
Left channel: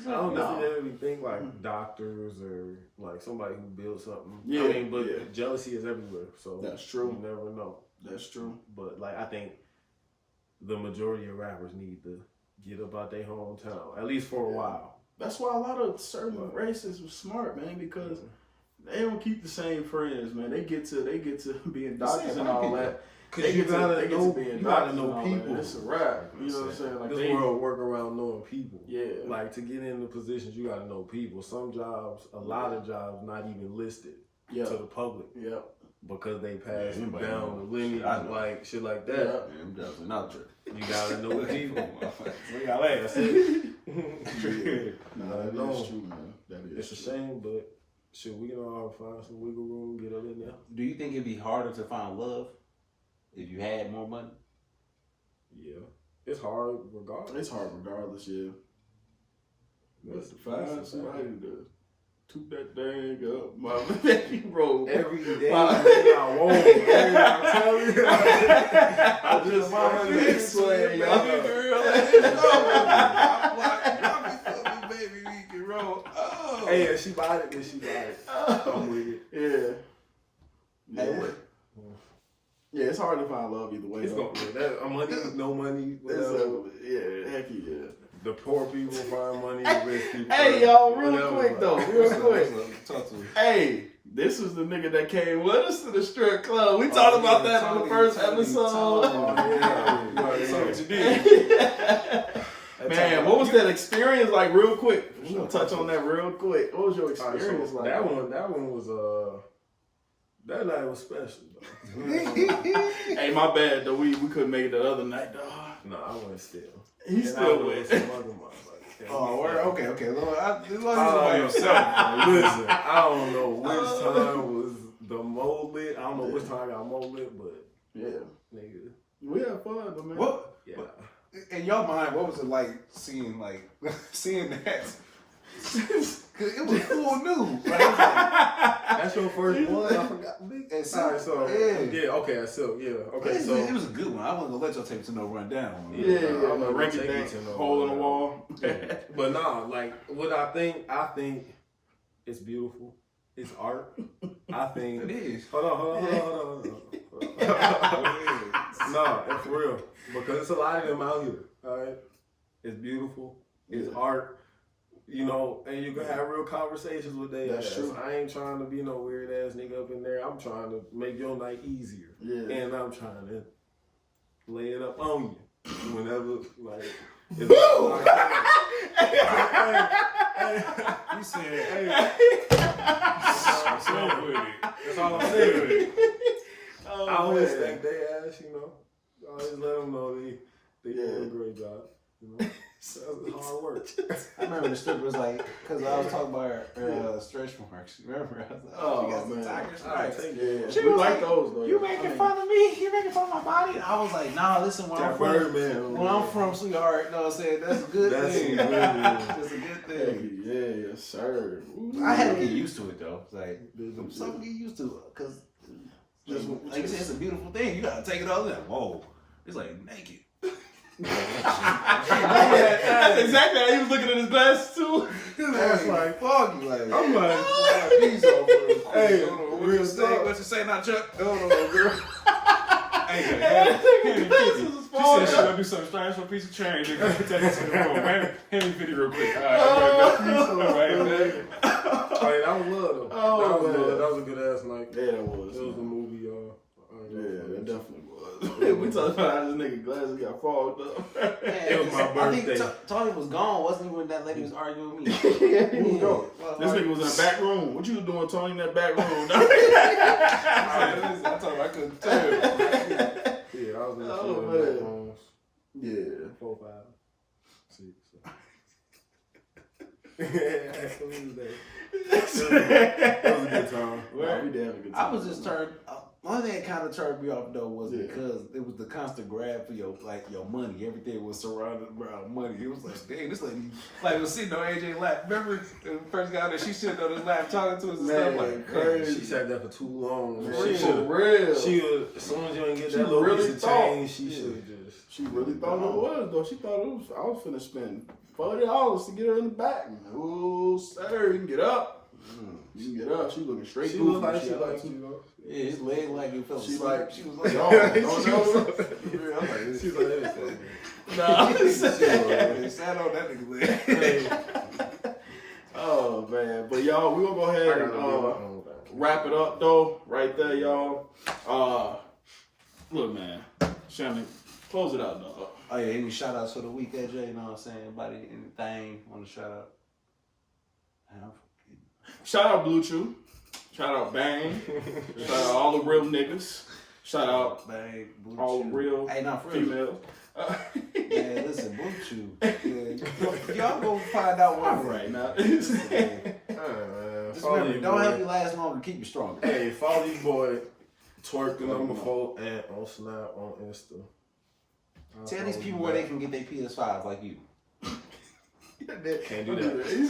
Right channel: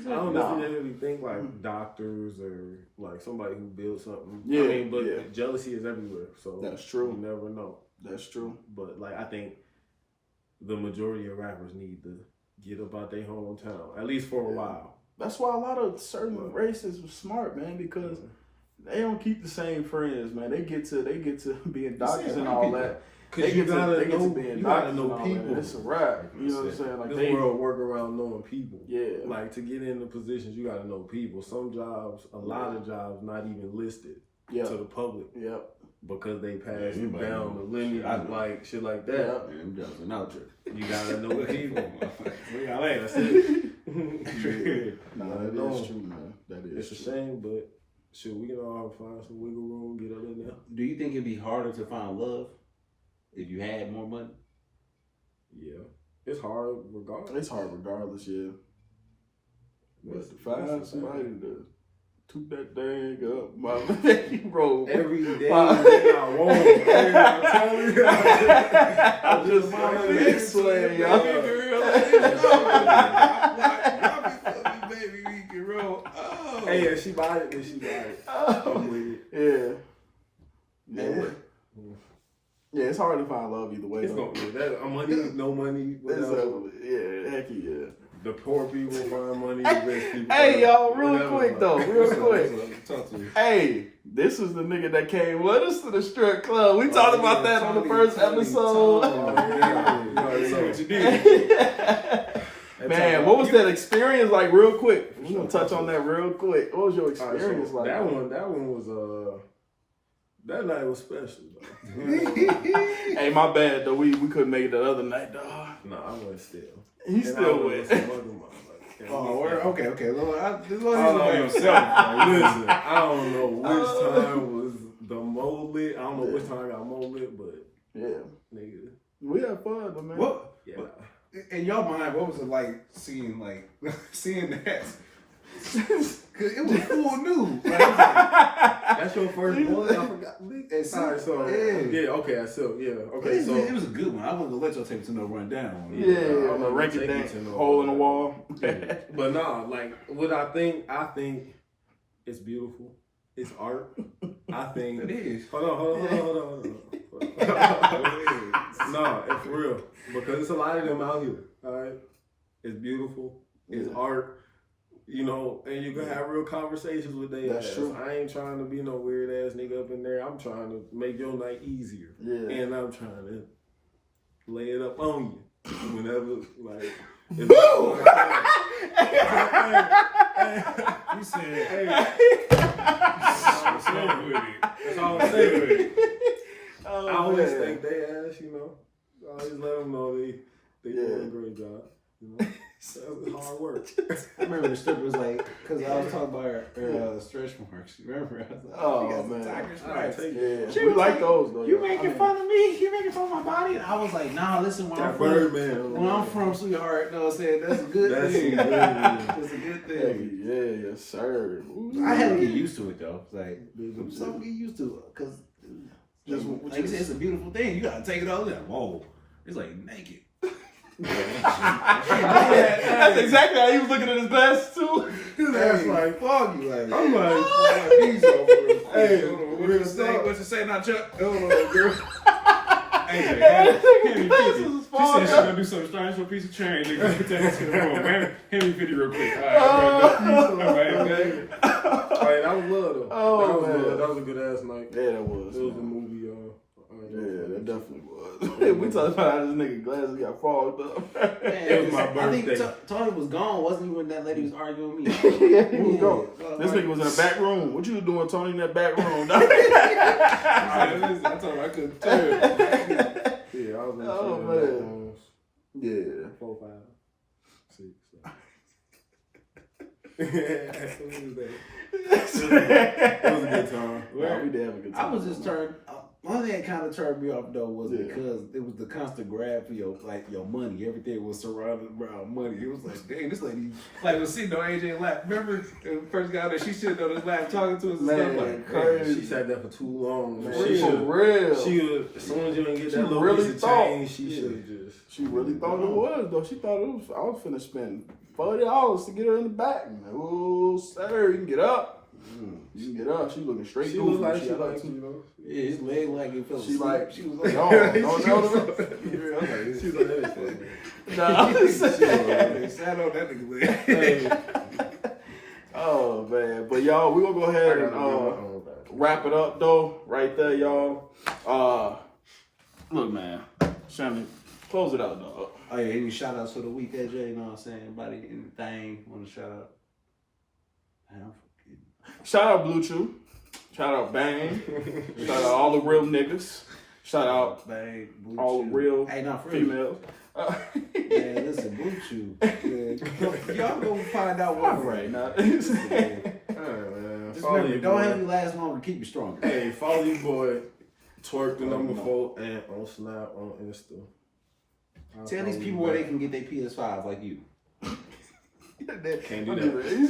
don't necessarily think like doctors or like somebody who builds something. I mean, but jealousy is everywhere. So that's true. You never know. That's true. But like I think the majority of rappers need to get up out their hometown, at least for a while. That's why a lot of certain races were smart, man, because they don't keep the same friends, man. They get to being doctors and all that. Because you gotta know people. It's a rap. You know what I'm saying? Like this world work around knowing people. Yeah. Like to get into positions, you gotta know people. Some jobs, a lot of jobs, not even listed to the public. Because they passed down the lineage, like shit like that. You gotta know people. That's it. That is true, man. That is. It's a shame, but shit, we can all find some wiggle room, get up in there. Do you think it'd be harder to find love if you had more money? Yeah, it's hard regardless. It's hard regardless, yeah. But to find somebody to toot that dang up, my you roll every day. I won't. I'm telling you. I'm just sweating, y'all. bro. Oh. Hey, if she bought it, then she bought it. I'm with it. Yeah. Hey, what? Yeah, it's hard to find love either way. It's gonna be that money, no money, whatever. Yeah, heck yeah. The poor people find money, the rich people. Hey, find y'all, real whatever, quick like. though, real quick. Talk to me. Hey, this was the nigga that came with us to the strip club. We talked about that on the first episode. Man, what was that experience like? Real quick, we're gonna touch on that real quick. What was your experience like? That one was that night was special though. Hey, my bad though. We couldn't make it the other night, dog. No, I went still. He still went. went. Some other motherfucker. Oh, okay. Lord, Listen, I don't know which time was the more lit. I don't know which time I got more lit, but Yeah, nigga, we had fun though, man. What? yeah. In your mind, what was it like seeing that? Cause it was full new. Like, it was like, That's your first one. I forgot. It's All right, so yeah. okay, okay, it so was a good one. I wasn't gonna let y'all take it to no rundown. Yeah, I'm like gonna rank take it it to no- hole in the wall. but nah, like what I think it's beautiful. It's art. I think It is. Hold on. Nah, it's for real. Because it's a lot of them out here. Alright? It's beautiful. It's art. You know, and you can have real conversations with their That's ass. true. I ain't trying to be no weird ass nigga up in there. I'm trying to make your night easier. Yeah. And I'm trying to lay it up on you. Whenever, like, it's Woo! You said, hey. That's all I'm saying. Oh, I always man. thank they ass, you know. I always let them know they do a great job, you know. That's hard work. I remember the stripper was like, because I was talking about her stretch marks. Remember? I was like, Oh, she got some man. tiger I stripes. take Yeah, it. She we was like like, those though. You yeah. making fun of me? You making fun of my body? And I was like, nah, listen, when I'm That from, Birdman. when I'm from, sweetheart, you know what I'm saying? That's a good That's thing. a good thing. It's a good Hey, thing. yeah, yes, sir. Ooh. I had to get used to it, though. It's like, Some some get used to it. Because, Just- like you said, it's a beautiful thing. You got to take it all in. Whoa. It's like naked. That's exactly how he was looking at his glasses too. That's like, fuck you. Like, I'm like, hey, real what you say now, Chuck? Oh, girl. Hey, Glasses was she falling. said she gonna do something strange for a piece of change. Nigga, put that into the room. Man, hand me 50 real quick. All right, Hey, that was love though. Oh, that was man. love. That was a good ass night. Yeah, that was. It was a movie, Yeah, that definitely was. We talking about how this nigga glasses got fogged up. It was my birthday. I think Toni was gone, wasn't he, when that lady was arguing with me? Yeah, he was gone. This nigga was in the back room. What you was doing, Tony, in that back room? I told her I couldn't tell. Yeah, I was in the Oh, film man. backgrounds. Yeah. 4, 5, 6. It was a good time. Nah, we did have a good time. I was just turned. One thing that kind of turned me off though was Yeah. because it was the constant grab for your money. Everything was surrounded around money. It was like, dang, this lady like was sitting on AJ lap. Remember the first guy that she sitting on his lap talking to us and Man, stuff like crazy. She sat there for too long. Man, She for should. real. She was. As soon as you didn't get She that little really piece of thought. change, she Yeah. should have just. She really thought it was though. She thought it was. I was finna spend $40 to get her in the back. Oh, sir, you can get up. You can get up. She looking straight. She goofy. looked like she had liked some- you, know. yeah, his leg like it felt. She like she was like, no, She no, was no. like, She's like, that is funny. They sat on that nigga leg. Oh man, but y'all, we gonna go ahead and wrap it up though, right there, y'all. Look, man, Shannon, close it out, dog. Oh yeah, any shout outs for the week, AJ? You know what I'm saying? Anybody, anything want to shout out? Shout out Blue Chew, shout out Bang, shout out all the real niggas, shout out Bang, Blue all Chew. the real Hey, not for real. females. Yeah, listen, Blue Chew. Yeah, y'all go find out what Right now. Just Follow remember, your don't boy. have you last long to keep you stronger. Hey, follow your boy. Twerk the number 4 and on Snap on Insta. Tell these people where they can get their PS5 like you. Can't do that. He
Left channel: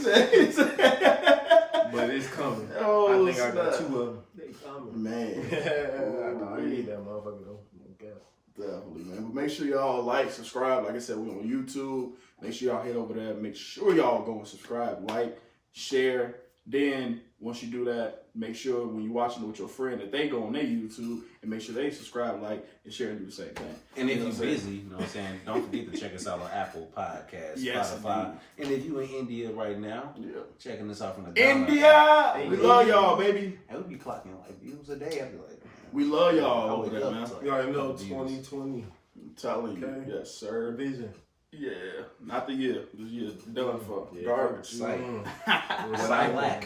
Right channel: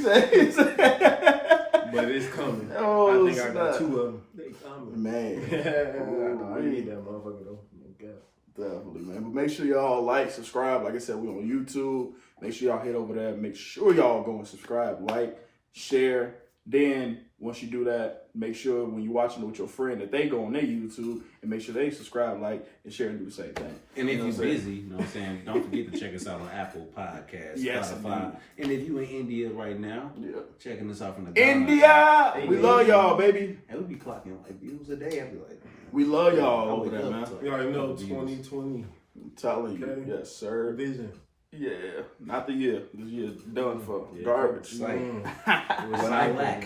said, But it's coming. Oh, I think I got snap. 2 of them. They coming. Man. Yeah, I need that motherfucker though. I guess. Definitely, man. But make sure y'all like, subscribe. Like I said, we're on YouTube. Make sure y'all head over there. Make sure y'all go and subscribe, like, share. Then once you do that, make sure when you're watching it with your friend that they go on their YouTube and make sure they subscribe, like, and share and do the same thing. And if you're busy, you know what I'm saying, don't forget to check us out on Apple Podcasts, Yes, Spotify. indeed. And if you in India right now, checking us out from the India! Ghana, We love y'all, baby. And we be clocking like views a day. I be like, We love I y'all over wake there, up man. to, like, You already know views. 2020 I'm telling you. Okay. Yes, sir. vision. Yeah. Not the year. This year done for Yeah, garbage. Sight. Recycling. lack.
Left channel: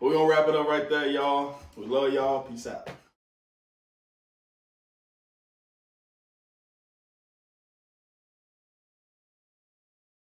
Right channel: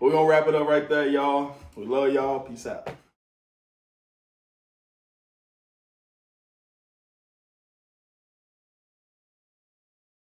We're going to wrap it up right there, y'all. We love y'all. Peace out.